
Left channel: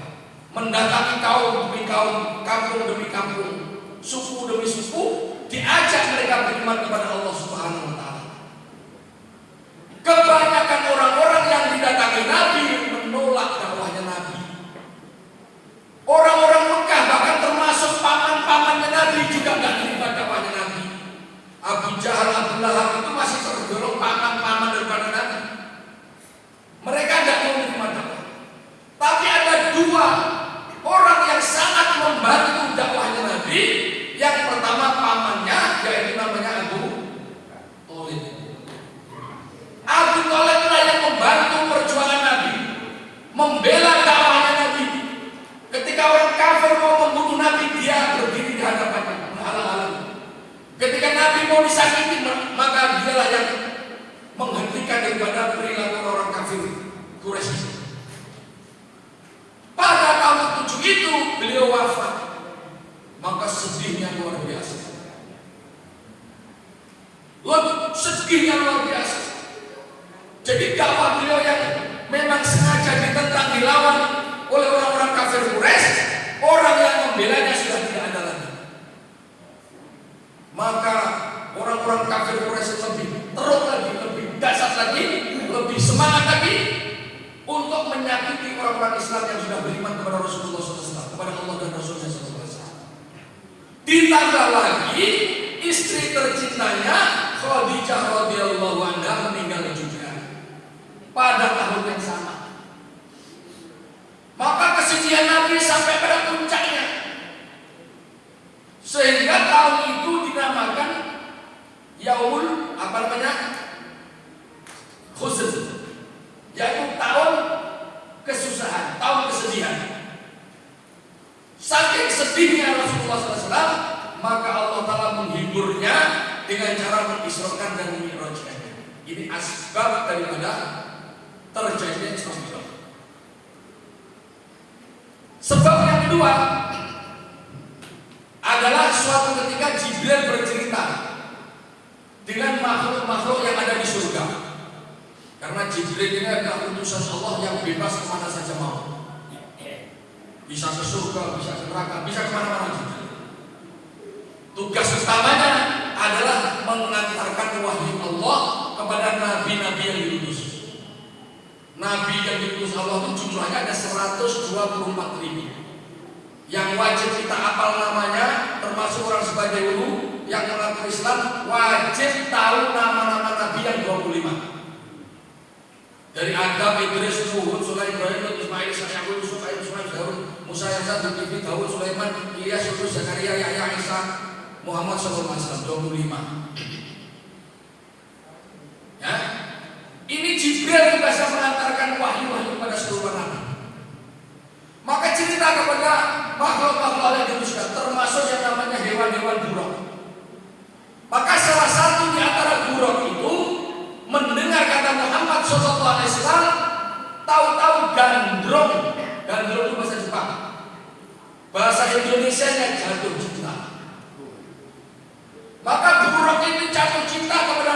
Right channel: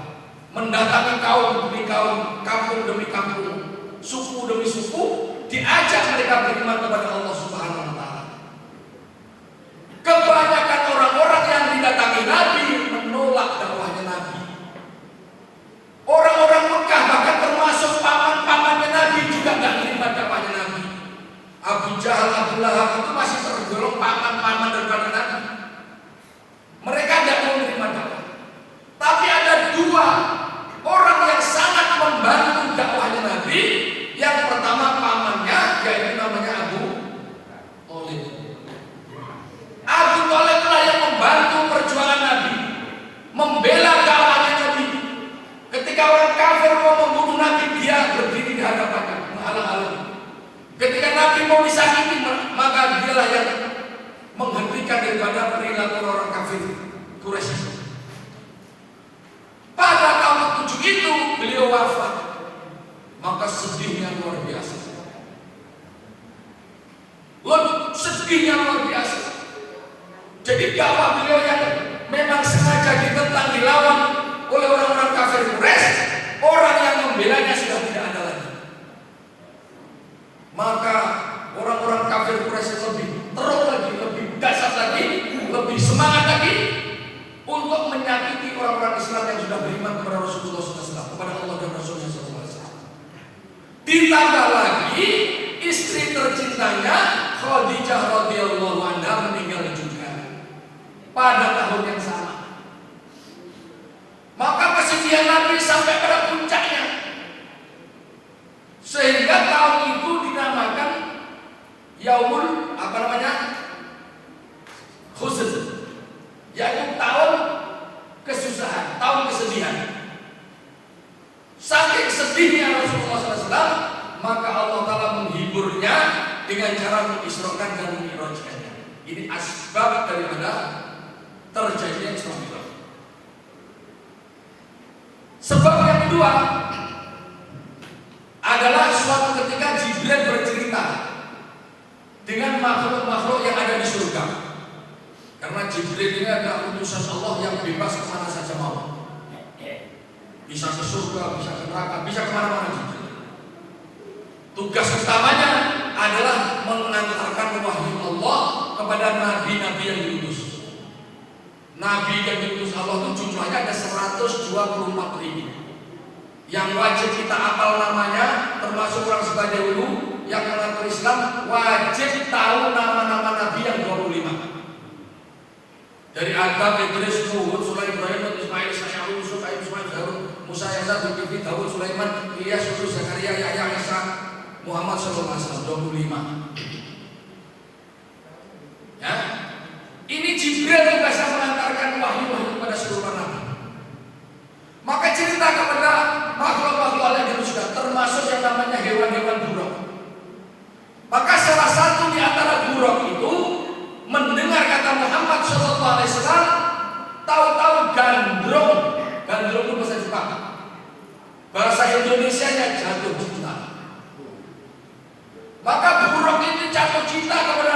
mendatangi kaum demi kaum, kampung demi kampung, suku demi suku, diajak mereka beriman kepada Allah Subhanahu wa taala. Kebanyakan orang-orang yang didatangi Nabi menolak dakwahnya Nabi. Orang-orang Mekah bahkan termasuk paman-pamannya Nabi juga tidak menerima dakwahnya Nabi. Abu Jahal, Abu Lahab itu masih tergolong paman-paman daripada Nabi. Mereka tidak mau menerima dakwah. Tapi ada 2 orang yang sangat membantu dakwahnya Nabi. Yang pertama pamannya, yaitu namanya Abu Thalib. Abu Thalib lah yang membantu perjuangan Nabi, membela dakwahnya Nabi. Ketika orang kafir mau membunuh Nabi, dia berdiri di hadapannya, menghalang-halangi. Ketika Nabi mau disakiti, maka dialah yang menghentikan daripada perilaku orang kafir Quraisy. Pada tahun 7 itu beliau wafat, maka sedihnya luar biasa. Sedihnya luar biasa. Jadi dakwah beliau yang memang sengaja ditentang, dilawan oleh orang-orang kafir Quraisy, orang yang membelanya sudah tidak ada lagi. Maka orang-orang kafir Quraisy lebih teruk lagi, lebih dahsyat lagi, lebih semangat lagi untuk menyakiti orang-orang Islam yang sudah beriman kepada Rasulullah SAW, kepada Allah dan Rasulullah SAW. Ditambah lagi istri tercintanya Khadijah radhiyallahu anha meninggal juga pada tahun yang sama. Maka kesedihan Nabi sampai pada puncaknya, sehingga tahun itu dinamakan Yaumul Huzn, yaitu tahun kesusahan, tahun kesedihan. Saking sedihnya Rasulullah SAW, maka Allah Ta'ala menghiburnya dengan cara mengisrokan dan mengi'rajkannya. Ini asbab daripada terjadinya Isra Mi'raj. Sebab yang kedua adalah suatu ketika Jibril bercerita dengan makhluk-makhluk yang ada di surga. Karena Jibril ini adalah utusan Allah yang bebas kemana saja mau. Bisa ke surga, bisa ke neraka, bisa kemana-mana Jibril. Tugas utamanya adalah mengantarkan wahyu Allah kepada nabi-nabi yang diutus. Nabi yang diutus Allah itu jumlahnya ada 124.000. Yang wajib kita hafal namanya, termasuk orang sebadahulu yang mengaku Islam, wajib tahu nama-nama Nabi yang 25. Dari Adam, Idris, Nuh, Sulaiman, Ismail, Isa, Yusuf, Harun, Musa, Yasa, Zulkifli, Daud, Sulaiman, Ilyas, Yunus, Zakaria, Yahya, Isa, Muhammad sallallahu alaihi wasallam, 25. Ya. Ini Jibril tugasnya mengantarkan wahyu-wahyu kepada seluruh nabi. Maka cerita kepada makhluk-makhluk yang itu sudah termasuk yang namanya hewan-hewan buruk. Maka salah satu di antara buruk itu mendengar kata Muhammad sallallahu alaihi wasallam, tahu-tahu gandrung. Gandrung itu bahasa Jepang. Bahasa Indonesianya jatuh cinta. Maka buruk ini jatuh cinta kepada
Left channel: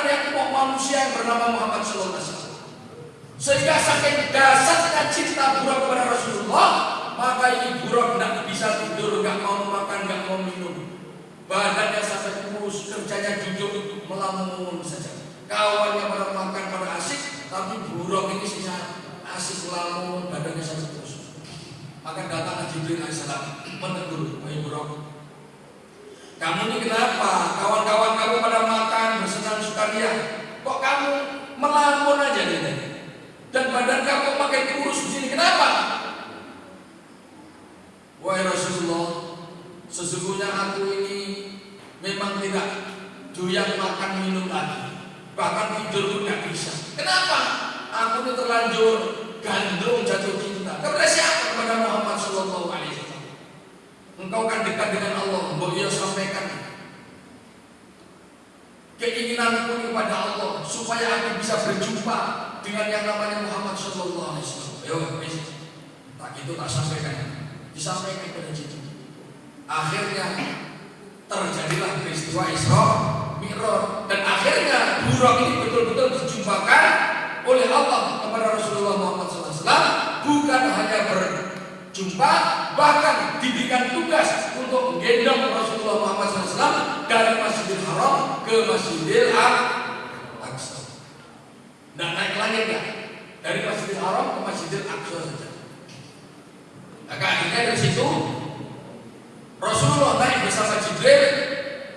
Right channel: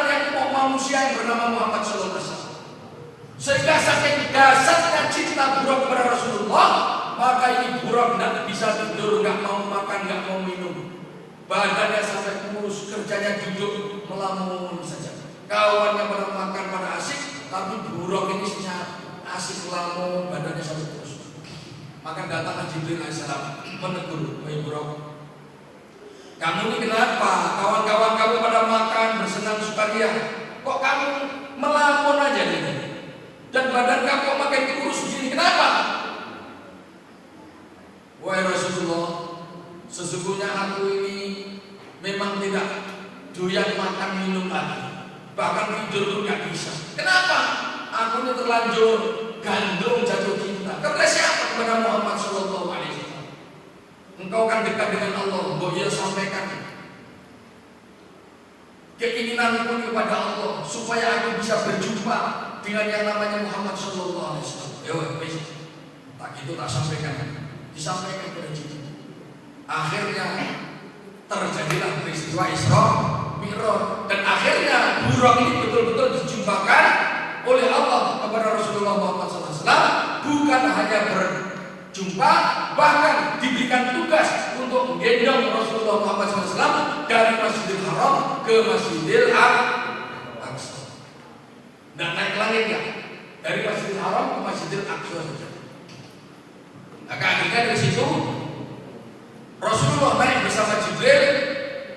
manusia yang bernama Muhammad sallallahu alaihi wasallam. Sehingga saking dasarnya cinta buruk kepada Rasulullah, maka ini buruk tidak bisa tidur, tidak mau makan, tidak mau minum. Badannya sampai kurus, kerjanya duduk melamun saja. Kawannya pada makan, pada asik, tapi buruk ini asik melamun, badannya sampai kurus. Maka datang Jibril alaihissalam menegur, wahai buruk, kamu ini kenapa? Kawan-kawan kamu pada makan, bersenang sukaria, kok kamu melamun aja gitu? Dan badan kamu makin kurus begini, kenapa? Wahai Rasulullah, sesungguhnya aku ini memang tidak doyan makan minum lagi, bahkan tidur pun gak bisa. Kenapa? Aku ini terlanjur gandrung jatuh cinta. Kepada siapa? Kepada Muhammad Sallallahu Alaihi Wasallam. Engkau kan dekat dengan Allah. Mbok ia sampaikan keinginanku kepada Allah supaya aku bisa berjumpa dengan yang namanya Muhammad Sallallahu Alaihi Wasallam. Tak gitu tak sampaikan, disampaikan kepada Jibril. Akhirnya terjadilah peristiwa Isra Mi'raj, dan akhirnya Buraq ini betul-betul dijumpakan oleh Allah kepada Rasulullah Muhammad SAW. Bukan hanya berjumpa, bahkan diberikan tugas untuk menggendong Rasulullah Muhammad SAW dari Masjidil Haram ke Masjidil Aqsa. Dan naik langit ya, dari Masjidil Haram ke Masjidil Aqsa saja. Maka akhirnya dari situ Rasulullah naik bersama Jibril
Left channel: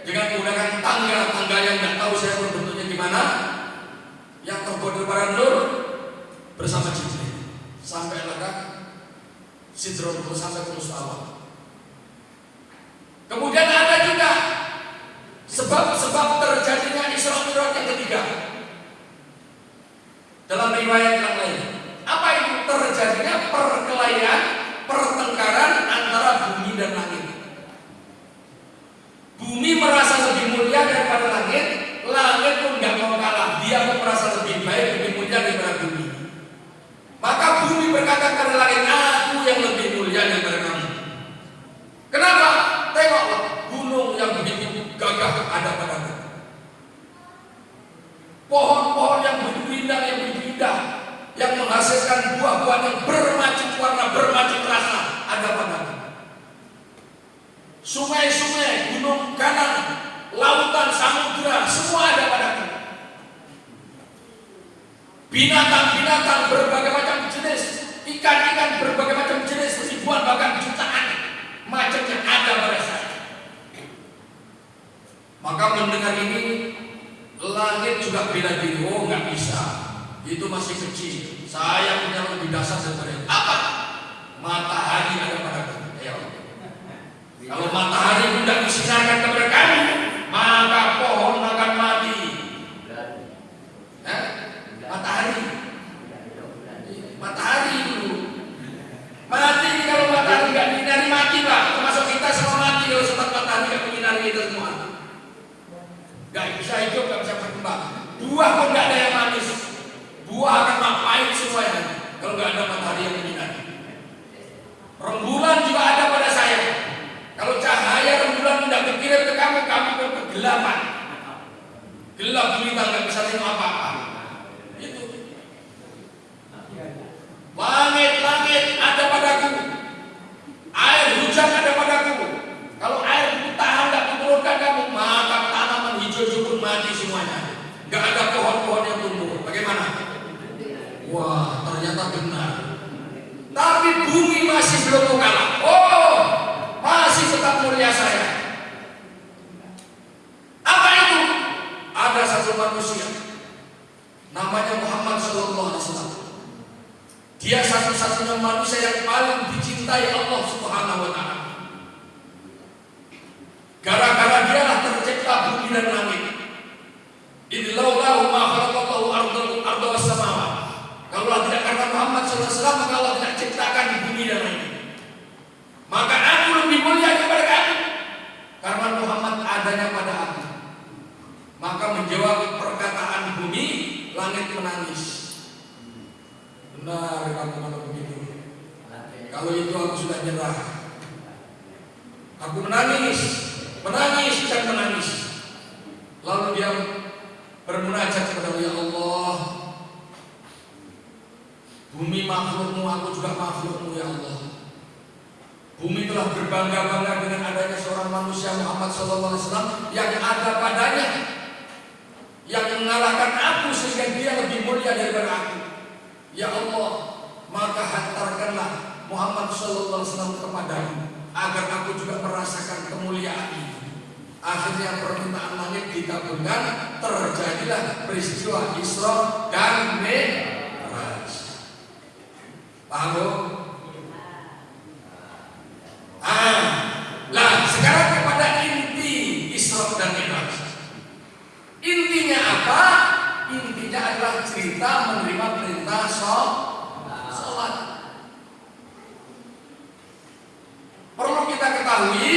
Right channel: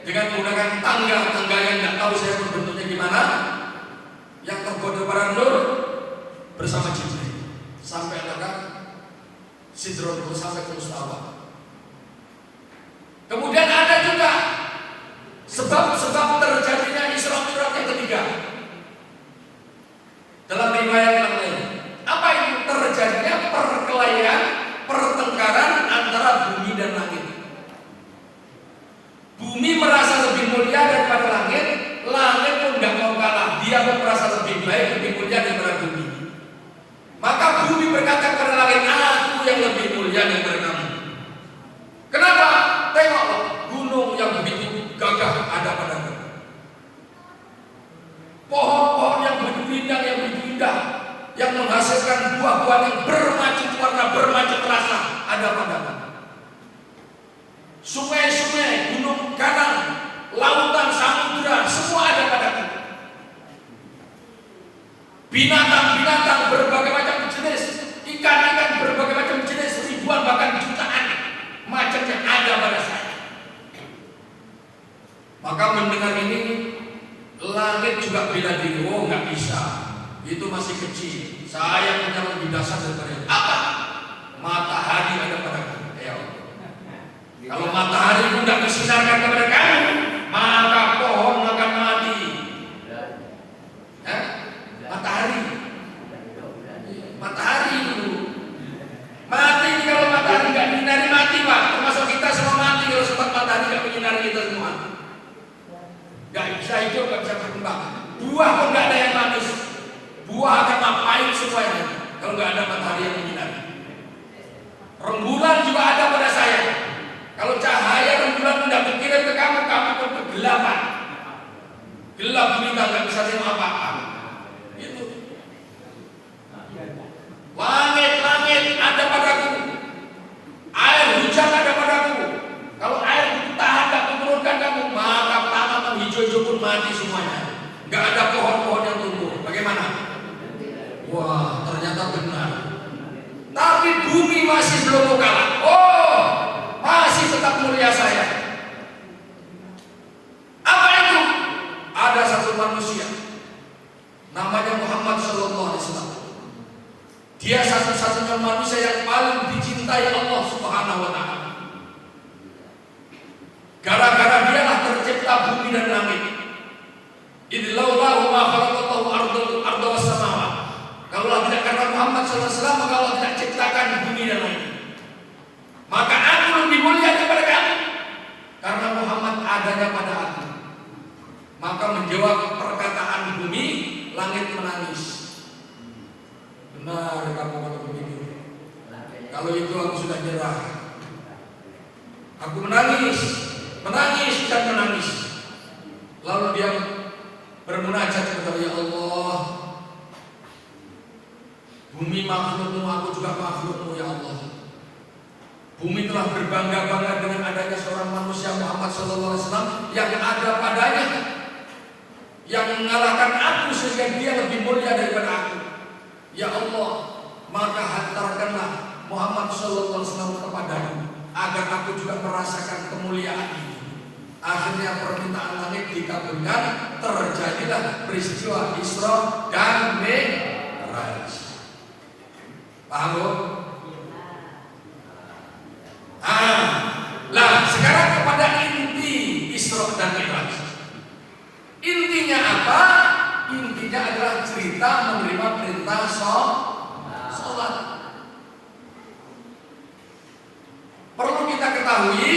dengan menggunakan tangga yang tidak tahu saya pun bentuknya gimana, yang terbuat dari nur, bersama Jibril sampai lekat Sidratul sampai ke Mustawah. Kemudian ada juga sebab-sebab terjadinya Isra Mi'raj yang ketiga dalam riwayat yang lain. Apa itu? Terjadinya perkelahian, pertengkaran antara bumi dan langit. Bumi merasa lebih mulia daripada langit, langit pun tidak mau kalah. Dia pun merasa lebih baik, lebih mulia daripada bumi. Maka bumi berkata kepada langit, aku yang lebih mulia daripada kamu. Kenapa? Tengoklah gunung yang begitu gagah ada padamu. Pohon-pohon yang begitu indah, yang menghasilkan buah-buah yang bermacam warna, bermacam rasa ada padamu. Sungai-sungai, gunung kanang, lautan, samudra, semua ada padaku. Binatang-binatang berbagai macam jenis, ikan-ikan berbagai macam jenis, ribuan bahkan jutaan macamnya ada pada saya. Maka mendengar ini, langit juga bela diri. Oh, nggak bisa, itu masih kecil. Saya punya lebih dasar daripada itu. Apa? Matahari ada padaku. Kalau matahari pun tidak bersinarkan kepada kamu, maka pohon akan mati. Matahari dulu mati. Kalau matahari nggak menyinari mati pak. Termasuk kita semua mati kalau sempat matahari nggak menyinari kita semua. Nggak bisa hidup, nggak bisa berkembang. Buah pun nggak ada yang manis. Buah akan ngapain semuanya kalau nggak ada matahari yang menyinari. Rembulan juga ada pada saya. Kalau cahaya rembulan tidak berkirim ke kamu, kamu pun kegelapan. Gelap gulita, nggak bisa tengok apa-apa. Itu. Langit-langit ada padaku. Air hujan ada padaku. Kalau air itu tahan nggak diturunkan kamu, maka tanaman hijau-hijau pun mati semuanya. Nggak ada pohon-pohon yang tumbuh. Bagaimana? Wah, ternyata benar. Tapi bumi masih belum kalah. Oh, masih tetap mulia saya. Apa itu? Ada satu manusia namanya Muhammad Sallallahu Alaihi Wasallam. Dia satu-satunya manusia yang paling dicintai Allah Subhanahu Wa Taala. Gara-gara dialah tercipta bumi dan langit. Idlaulahu ma khalaqallahu arda was samawat. Kalau tidak karena Muhammad Sallallahu Alaihi Wasallam, maka Allah tidak ciptakan bumi dan langit. Maka aku lebih mulia daripada kamu karena Muhammad adanya pada aku. Maka menjawab perkataan bumi, langit menangis. Benar kalau begitu. Kalau itu aku sudah nyerah. Aku menangis dan menangis. Lalu dia bermunajat kepada ya Allah, bumi makhlukmu, aku juga makhlukmu ya Allah. Bumi telah berbangga-bangga dengan adanya seorang manusia Muhammad Sallallahu Alaihi Wasallam yang ada padanya, yang mengalahkan aku sehingga dia lebih mulia daripada aku. Ya Allah, maka hantarkanlah Muhammad Sallallahu Alaihi Wasallam kepadamu agar aku juga merasakan kemuliaan itu. Akhirnya permintaan langit dikabulkan, terjadilah peristiwa Isra dan Mi'raj. Paham? Lah sekarang ketiga adalah cerita menerima perintah sholat. Perlu kita ketahui,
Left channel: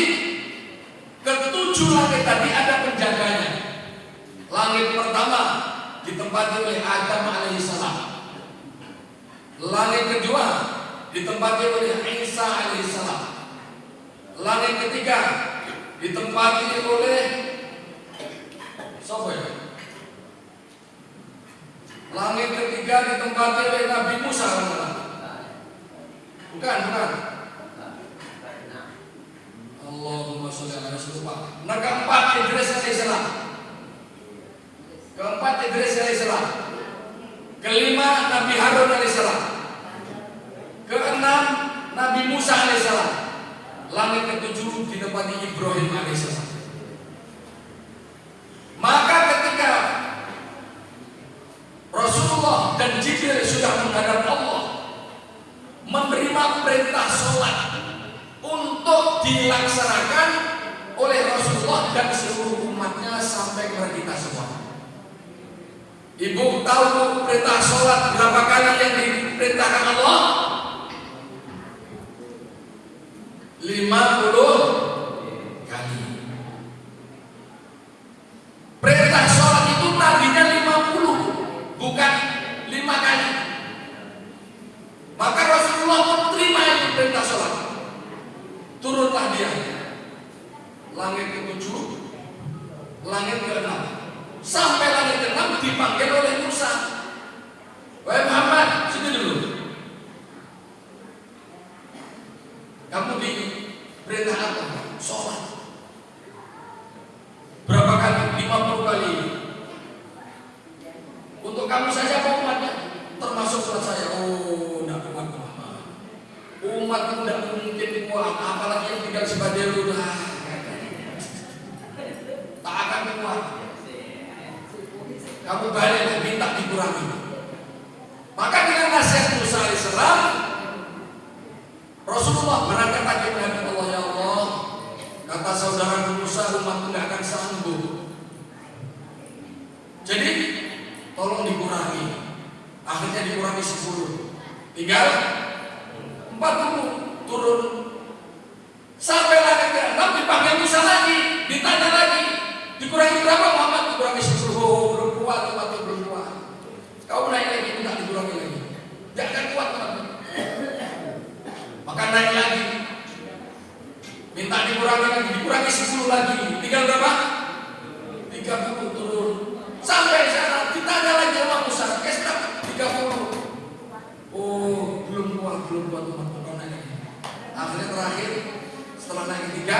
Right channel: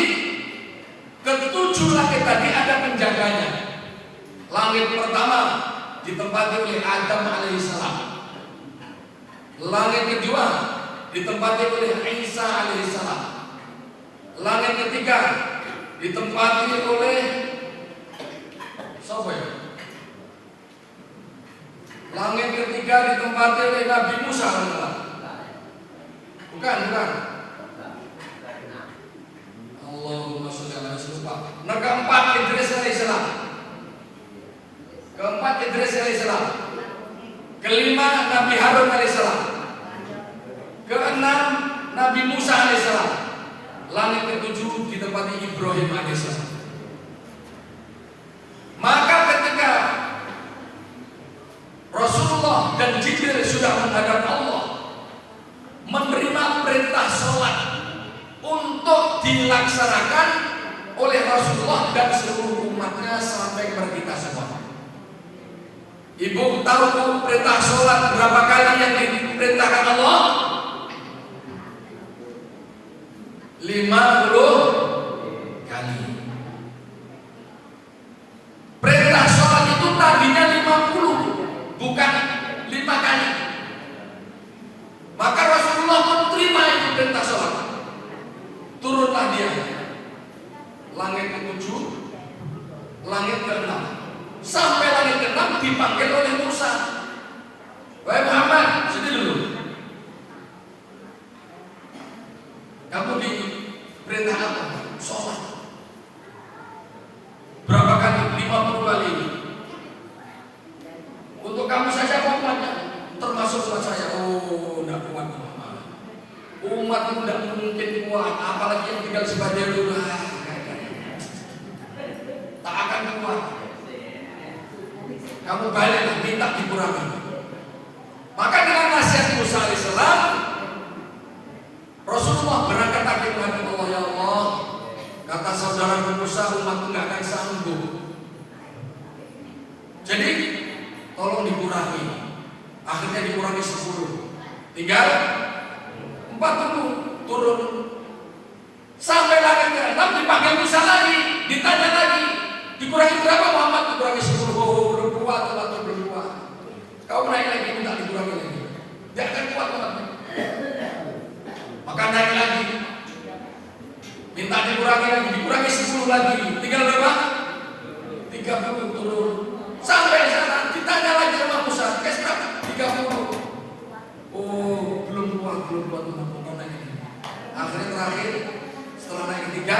ketujuh langit tadi ada penjaganya. Langit pertama ditempati oleh Adam alaihissalam. Langit kedua ditempati oleh Isa alaihissalam. Langit ketiga ditempati oleh siapa ya? Langit ketiga ditempati oleh Nabi Musa alaihissalam. Bukan. Allahumma sholli ala Rasulullah. Nah, keempat Idris alaihissalam. Kelima Nabi Harun alaihissalam. Keenam Nabi Musa alaihissalam. Langit ketujuh ditempati Ibrahim alaihissalam. Maka ketika Rasulullah dan Jibril sudah menghadap Allah, menerima perintah sholat untuk dilaksanakan oleh Rasulullah dan seluruh umatnya sampai kepada kita semua. Ibu tahu perintah sholat berapa kali yang diperintahkan Allah? 50 kali. Perintah sholat itu tadinya 50, bukan 5 kali. Maka Rasulullah menerima itu perintah sholat. Turunlah dia. Langit ke-7, langit ke-6. Sampai langit ke-6 dipanggil oleh Musa. Wahai Muhammad, sini dulu. Kamu diperintah apa? Sholat. Berapa kali? 50 kali. Untuk kamu saja apa umatnya? Termasuk umat saya. Oh, tidak kuat. Umat itu tidak mungkin kuat. Apalagi yang tinggal sebagai lurah. Tak akan kuat. Kamu balik minta dikurangi. Maka dengan nasihat Musa alaihissalam, Rasulullah berangkat lagi menghadap Allah. Ya Allah, kata saudara Musa, umatku tidak akan sanggup. Jadi tolong dikurangi. Akhirnya dikurangi 10. Tinggal 40 turun. Sampai langit ke-6 dipanggil Musa lagi, ditanya lagi, dikurangi berapa Muhammad? Dikurangi 10. Belum kuat, belum kuat. Kau naik lagi, minta dikurangi lagi. Dia akan kuat Muhammad. Maka naik lagi, minta dikurangi lagi, dikurangi 10 lagi. Tinggal berapa? 30 turun. Sampai sana ditanya lagi sama Musa, Estap 30. Oh, belum kuat Muhammad. Akhirnya terakhir setelah naik ketiga,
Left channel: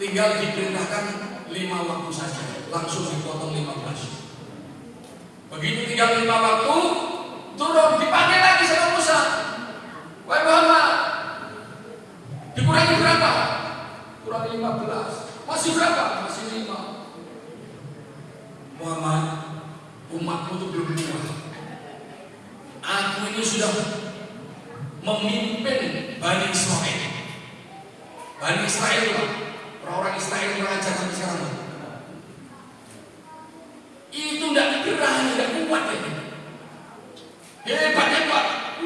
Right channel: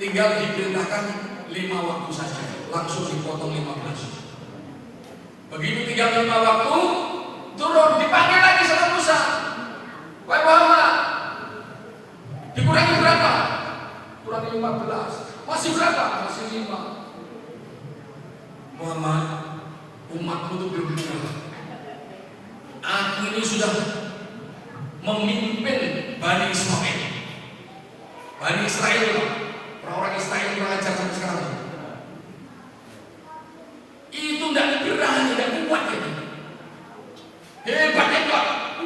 tinggal diperintahkan 5 waktu saja, langsung dipotong 15. Begitu tinggal 5 waktu, turun dipanggil lagi sama Musa. Wahai Muhammad, dikurangi berapa? Kurangi 15. Masih berapa? Masih 5. Muhammad, umatmu itu belum kalah. Aku ini sudah memimpin Bani Israel. Bani Israel, orang-orang Israel belajar sampai sekarang. Itu tidak berani, tidak kuat ya. Hebat,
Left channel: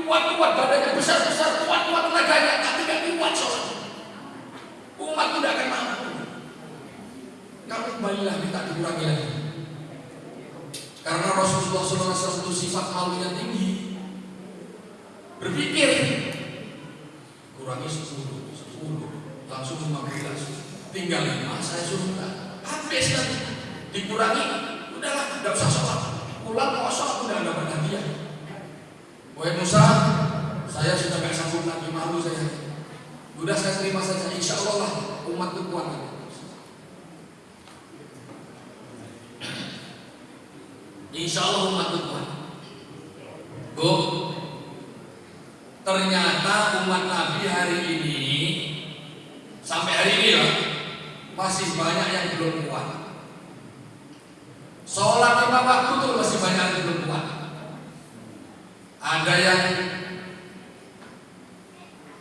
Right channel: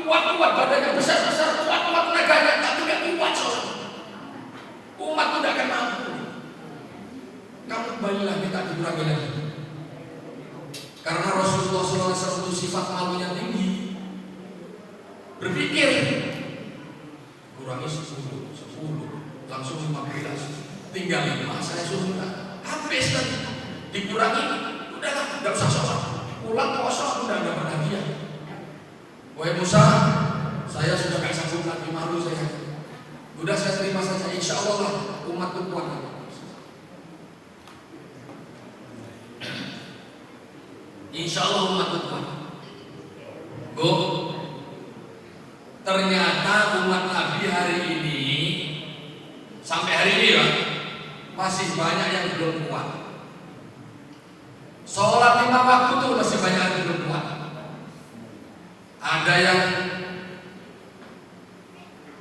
kuat, badannya besar, kuat tenaganya, tapi tidak kuat soalnya. Umat itu tidak akan mampu. Kamu kembalilah, minta dikurangi lagi. Karena Rasulullah SAW itu sifat malunya tinggi. Berpikir kurangi 10, langsung 15, tinggal 5, saya suruh habis lagi. Dikurangi, udahlah, tidak usah sholat, pulang kosong, udah dapat hadiah. Wahai Musa, saya sudah gak sanggup lagi, malu saya. Udah saya terima saja, insya Allah lah umatku kuat. Insya Allah umatku kuat. Bu, ternyata umat Nabi hari ini sampai hari ini ya masih banyak yang belum kuat. Sholat 5 waktu tuh masih banyak yang belum kuat. Ada yang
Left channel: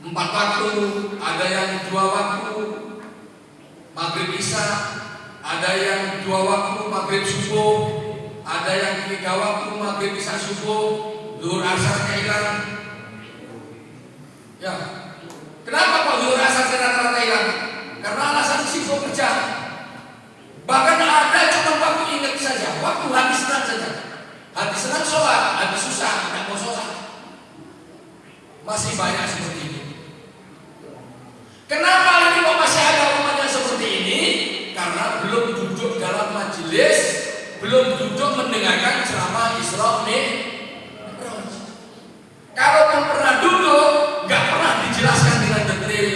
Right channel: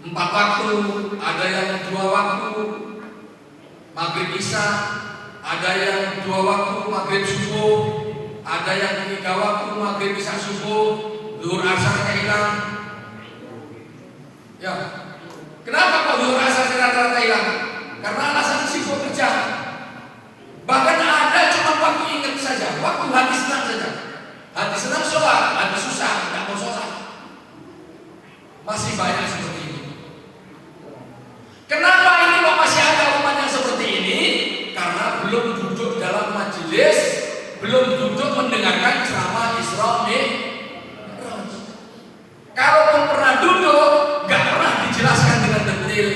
4 waktu, ada yang 2 waktu, maghrib isya, ada yang 2 waktu, maghrib subuh, Ada yang 3 waktu, maghrib, isya, subuh, zuhur, asar hilang. Ya, kenapa kok zuhur, asar rata-rata hilang? Karena alasan sibuk kerja. Bahkan ada cuma waktu ingat saja, waktu hati senang saja. Hati senang sholat, hati susah tidak mau sholat. Masih banyak seperti itu. Kenapa ini kok masih ada umat yang seperti ini? Karena belum duduk dalam majelis, belum duduk mendengarkan ceramah Isra Mi'raj. Kalaupun pernah duduk, gak pernah dijelaskan dengan detail.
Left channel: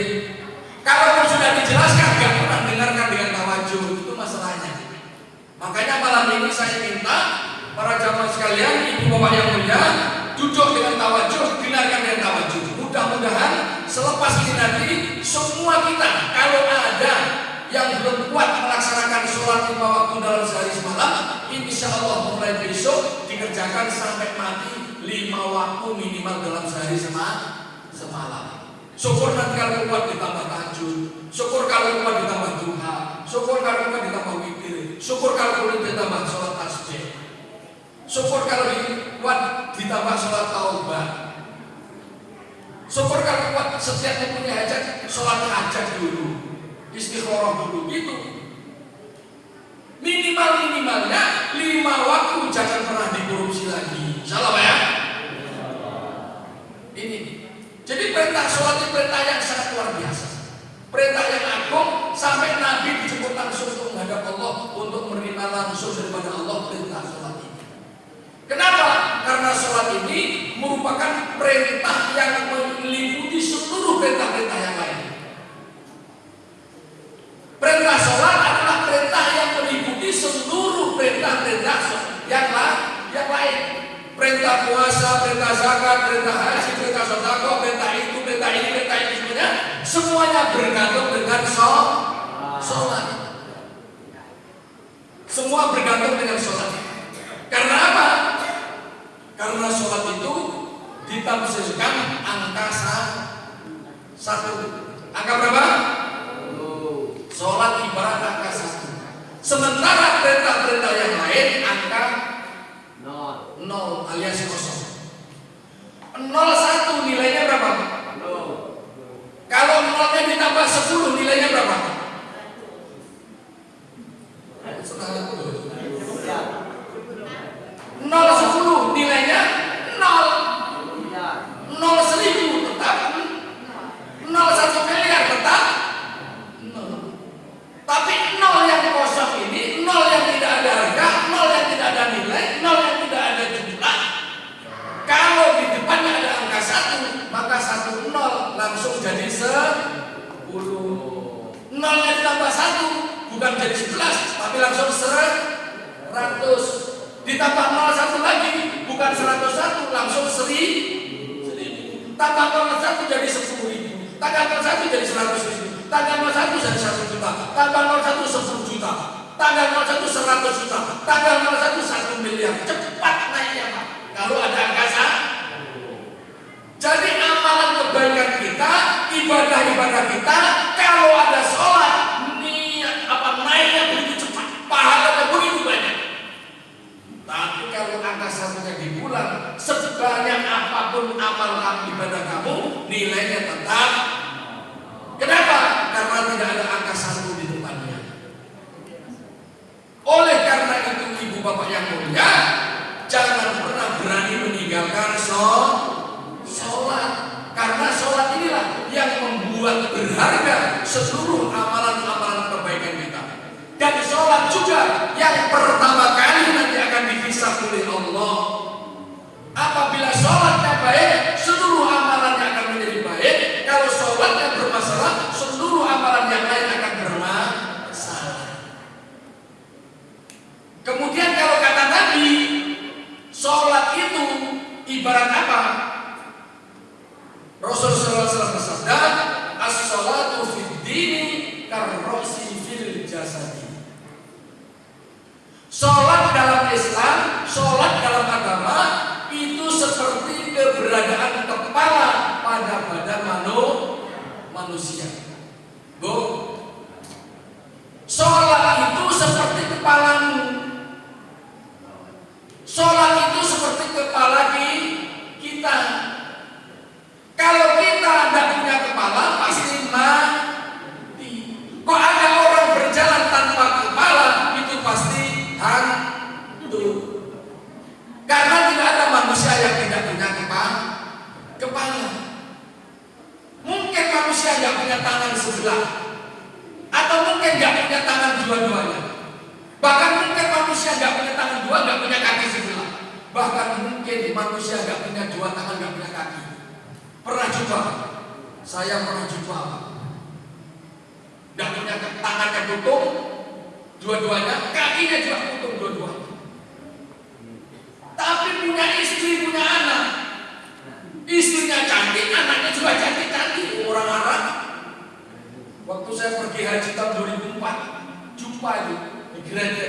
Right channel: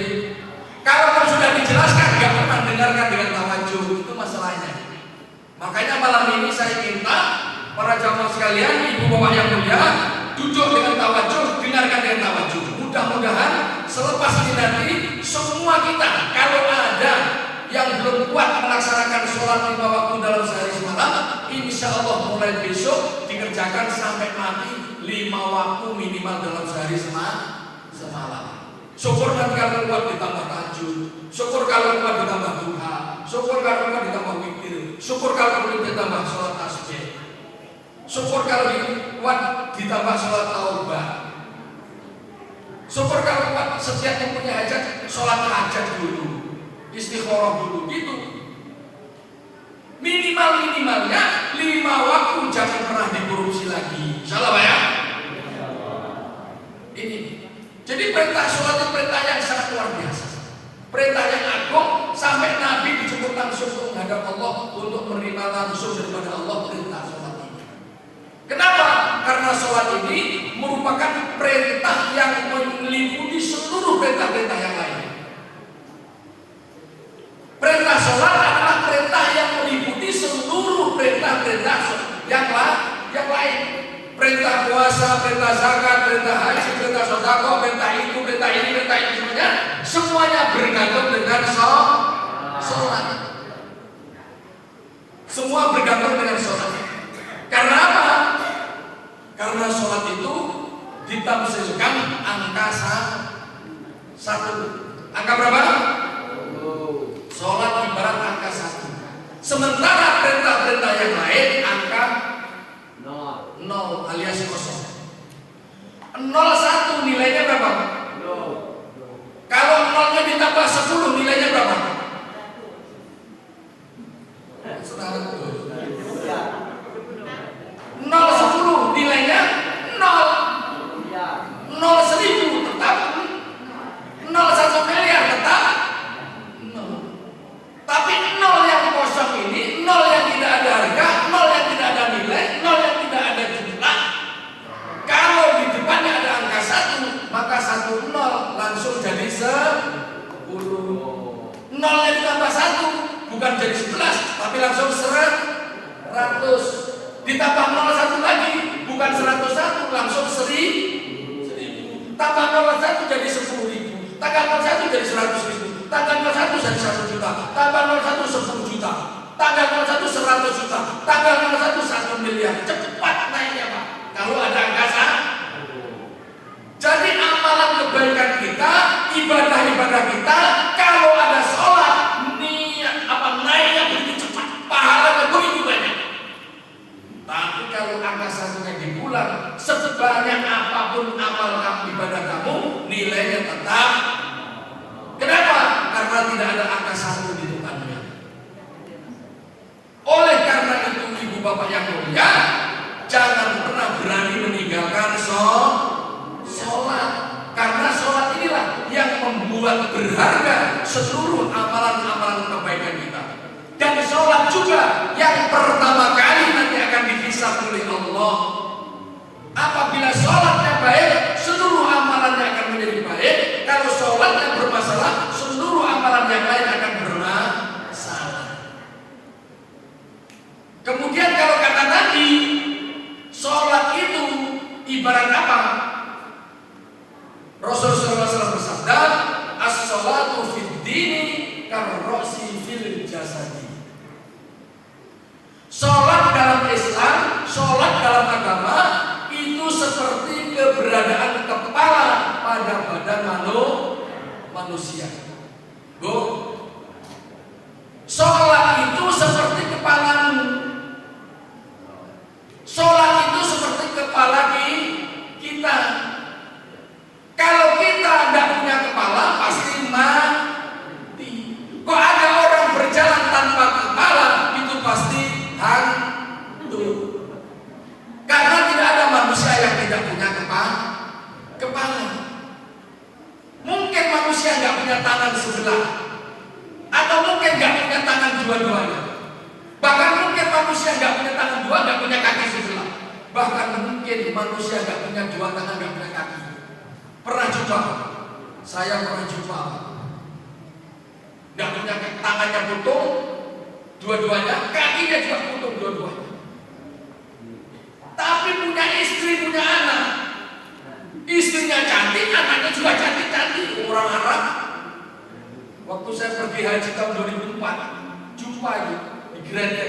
Kalaupun sudah dijelaskan, gak pernah dengarkan dengan tawajuh. Itu masalahnya. Makanya malam ini saya minta para jamaah sekalian, ibu bapak yang mulia, duduk dengan tawajuh, dengarkan dengan tawajuh. Mudah-mudahan selepas ini nanti semua kita, kalau ada yang belum kuat melaksanakan sholat 5 waktu dalam sehari semalam, insya Allah mulai besok dikerjakan sampai mati 5 waktu minimal dalam sehari semalam. Syukur nanti kalau kuat ditambah tahajud, syukur kalau kuat ditambah duha, syukur kalau kuat ditambah witir, syukur kalau kuat ditambah sholat tasbih, syukur kalau kuat ditambah sholat taubah, syukur kalau kuat setiap mempunyai hajat sholat hajat dulu, istikharah dulu, gitu. Minimalnya 5 waktu, jangan pernah dikorupsi lagi. Insyaallah ya. Ini. Jadi perintah sholat itu perintah yang sangat luar biasa. Perintah yang agung sampai Nabi dijemput langsung menghadap Allah untuk menerima langsung daripada Allah perintah sholat ini. Kenapa? Karena sholat ini merupakan perintah yang meliputi seluruh perintah-perintah yang lain. Perintah sholat adalah perintah yang meliputi seluruh perintah-perintah yang lain. Perintah puasa, perintah zakat, perintah haji, perintah sedekah, perintah itu, perintah ini, perintah itu semuanya bergantung dengan sholat. Semua bergantung dengan sholat. Karena apa? Karena sholat itu ditafsirkan angka 1. Angka berapa? Sholat ibarat angka 1. Sementara perintah-perintah yang lain angka 0 alias kosong. 01 nilainya berapa? 0. Kalau 0-nya ditambah 10 nilainya berapa? 0 10 nilainya 0. 0 1000 tetap 0 1 miliar tetap 0. Tapi 0 yang kosong ini, 0 yang tidak ada harga, 0 yang tidak ada nilai, 0 yang tidak ada jumlah. Kalau di depannya ada angka 1, maka 1 0 langsung jadi 10. 0-nya ditambah 1 bukan jadi 11, tapi langsung 100. Ditambah 01 lagi bukan 101, langsung 1000. Tambah 01 jadi 10.000. Tambah 01 jadi 100.000. Tambah 01 jadi 1 juta. Tambah 01 10 juta. Tambah 01 100 juta. Tambah 01 1 miliar. Cepat naiknya Pak. Kalau ada angka 1. Jadi amalan kebaikan kita, ibadah-ibadah kita, kalau ada sholat, niat naiknya begitu cepat, pahalanya begitu banyak. Tapi kalau angka 1-nya di bulan, sebanyak apapun amal ibadah kamu, nilainya tetap. Kenapa? Karena tidak ada angka 1 di depannya. Oleh karena itu ibu bapak yang mulia, jangan pernah berani meninggalkan sholat. Karena sholat inilah yang membuat berharga seluruh amalan-amalan kebaikan kita. Dan sholat juga yang pertama kali nanti akan dihisab oleh Allah. Apabila sholatnya baik, seluruh amalannya akan menjadi baik. Kalau sholatnya bermasalah, seluruh amalan yang lain akan bermasalah. Kemudian kalau kata Nabi, sholat itu ibarat apa? Rasulullah SAW bersabda, as-sholatu fid dini karrosi fil jasadi. Sholat dalam Islam, sholat dalam agama itu seperti keberadaan kepala pada badan manusia. Go. Sholat itu seperti kepalamu. kita. Kalau kita tidak punya kepala pasti mati. Kok ada orang berjalan tanpa kepala, itu pasti hantu. Karena tidak ada manusia yang tidak punya kepala. Mungkin manusia nggak punya tangan sebelah, atau mungkin nggak punya tangan dua-duanya. Bahkan mungkin manusia nggak punya tangan dua, nggak punya kaki sebelah. Bahkan mungkin manusia nggak punya dua tangan, nggak punya kaki. Pernah coba? Saya pernah coba. Nggak punya tangannya putung dua-duanya, kakinya juga putung dua-duanya. Tapi punya istri, punya anak. Istrinya cantik, anaknya juga cantik-cantik. Orang Arab. Waktu saya pergi haji tahun 2004, jumpa itu di gereja,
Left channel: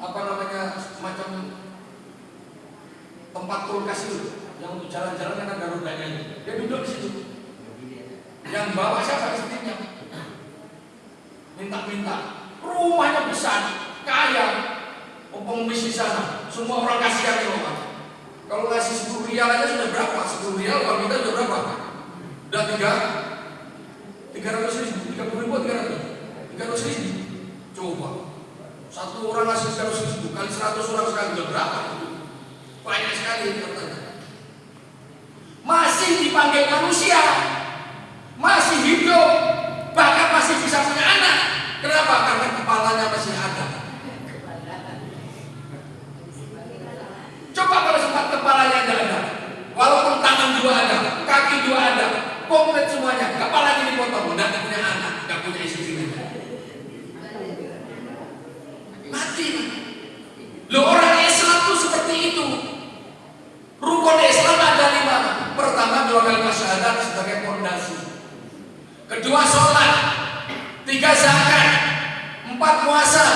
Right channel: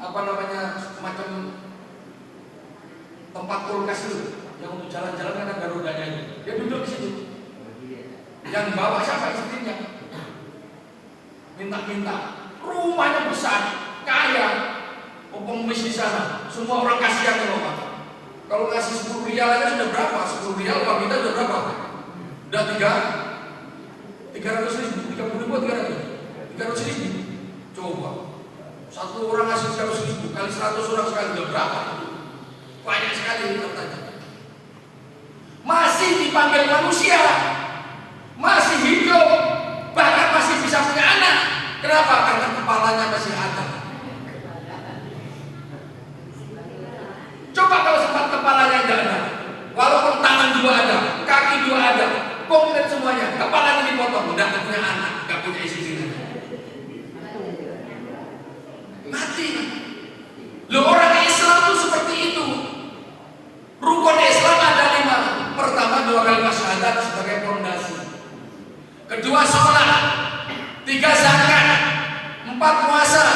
apa namanya, semacam tempat kulkas itu, yang untuk jalan-jalan kan ada rodanya itu. Dia duduk di situ. Yang bawa siapa? Istrinya. Minta-minta. Rumahnya besar, kaya, pengemis di sana. Semua orang kasihan loh. Kalau ngasih 10 rial aja sudah berapa? 10 rial kalau kita sudah berapa? Udah 300 ribu, 30 ribu, 300 ribu. Coba satu orang ngasih 300 ribu kali 100 orang sekali udah berapa? Banyak sekali katanya. Masih dipanggil manusia, masih hidup, bahkan masih bisa punya anak. Kenapa? Karena kepalanya masih ada. Coba kalau sempat kepalanya tidak ada, walaupun tangan dua ada, kaki dua ada, komplit semuanya, kepalanya dipotong, tidak punya anak, tidak punya istri, mati. Loh, orang Islam tuh seperti itu. Rukun Islam ada 5. Pertama, 2 kalimat syahadat sebagai fondasi. Kedua, sholat. 3, zakat. 4, puasa.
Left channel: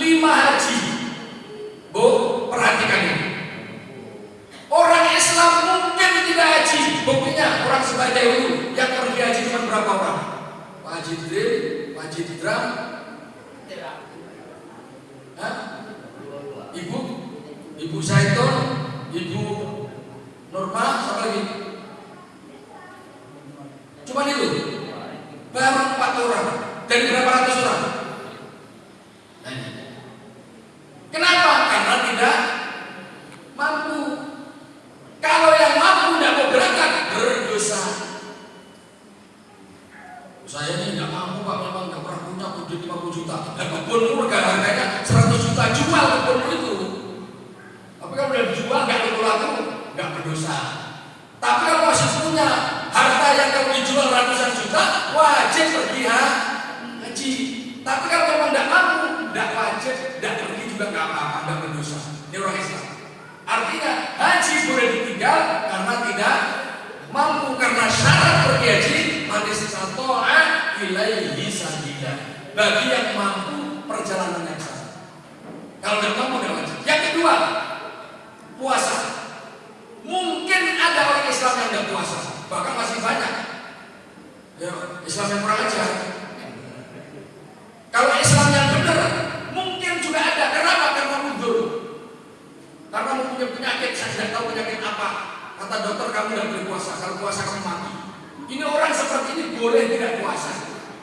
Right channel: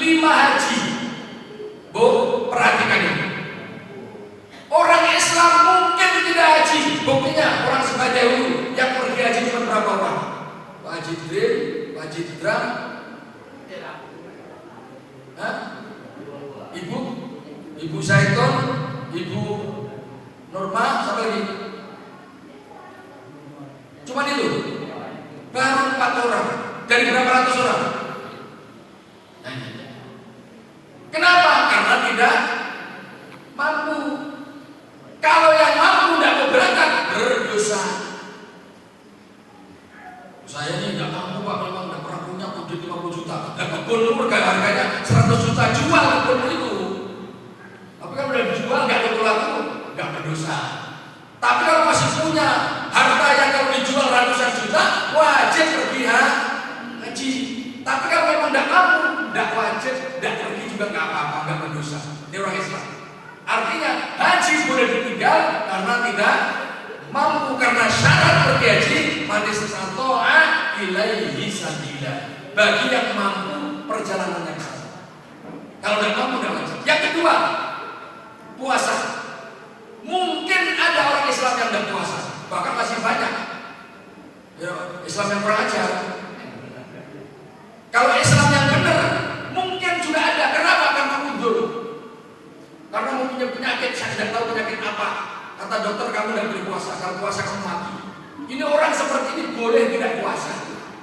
5, haji. Bu, perhatikan ini. Orang Islam mungkin tidak haji. Buktinya orang sebagai dahulu yang pergi haji cuma berapa orang? Pak Haji Drim, Pak Haji Dram, Ibu Zaitun, Ibu Norma, siapa lagi? Cuma itu. Baru 4 orang dari berapa ratus orang? Kenapa? Karena tidak mampu. Kalau yang mampu tidak mau berangkat, berdosa. Saya ini tidak mampu Pak, memang tidak pernah punya duit 50 juta. Dan kebunmu harganya 100 juta, jual kebunmu itu. Tapi kalau udah dijual nggak laku, nggak berdosa. Tapi kalau masih punya harta yang kalau dijual ratusan juta, wajib pergi haji. Tapi kalau memang tidak mampu, tidak wajib, tidak pergi juga nggak apa-apa, nggak berdosa. Ini orang Islam. Artinya haji boleh ditinggal karena tidak mampu, karena syarat pergi haji man istata'a ilaihi sabila. Bagi yang mampu perjalanan yang sah. Kalau tidak mampu tidak wajib. Yang kedua, puasa. Mungkin ada orang Islam yang tidak puasa, bahkan masih banyak. Ya, Islam yang berajar. Kalau Islam yang benar, mungkin juga ada. Kenapa? Karena mundur. Karena mempunyai penyakit, saya tidak tahu penyakit apa. Kata dokter, kamu tidak boleh puasa. Kalau puasa kamu mati. Ini orang seperti ini boleh tidak puasa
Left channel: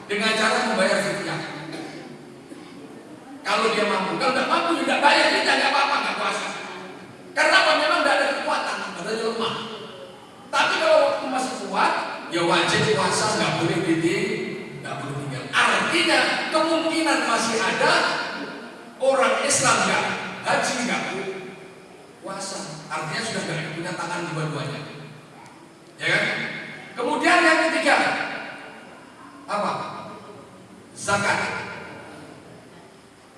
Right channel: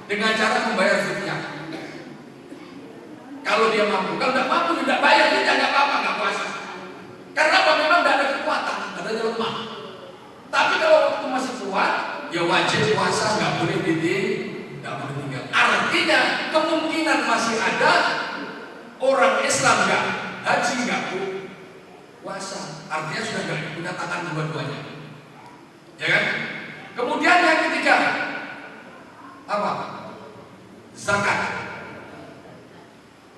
dengan cara membayar fidyah. Kalau dia mampu, kalau tidak mampu tidak bayar fidyah, nggak apa-apa, nggak puasa. Karena apa? Memang tidak ada kekuatan, adanya lemah. Tapi kalau waktu masih kuat, ya wajib puasa, nggak boleh tinggal. Artinya kemungkinan masih ada orang Islam nggak haji, nggak puasa. Artinya sudah nggak punya tangan dua-duanya, ya kan? Kemudian yang ketiga apa? Zakat.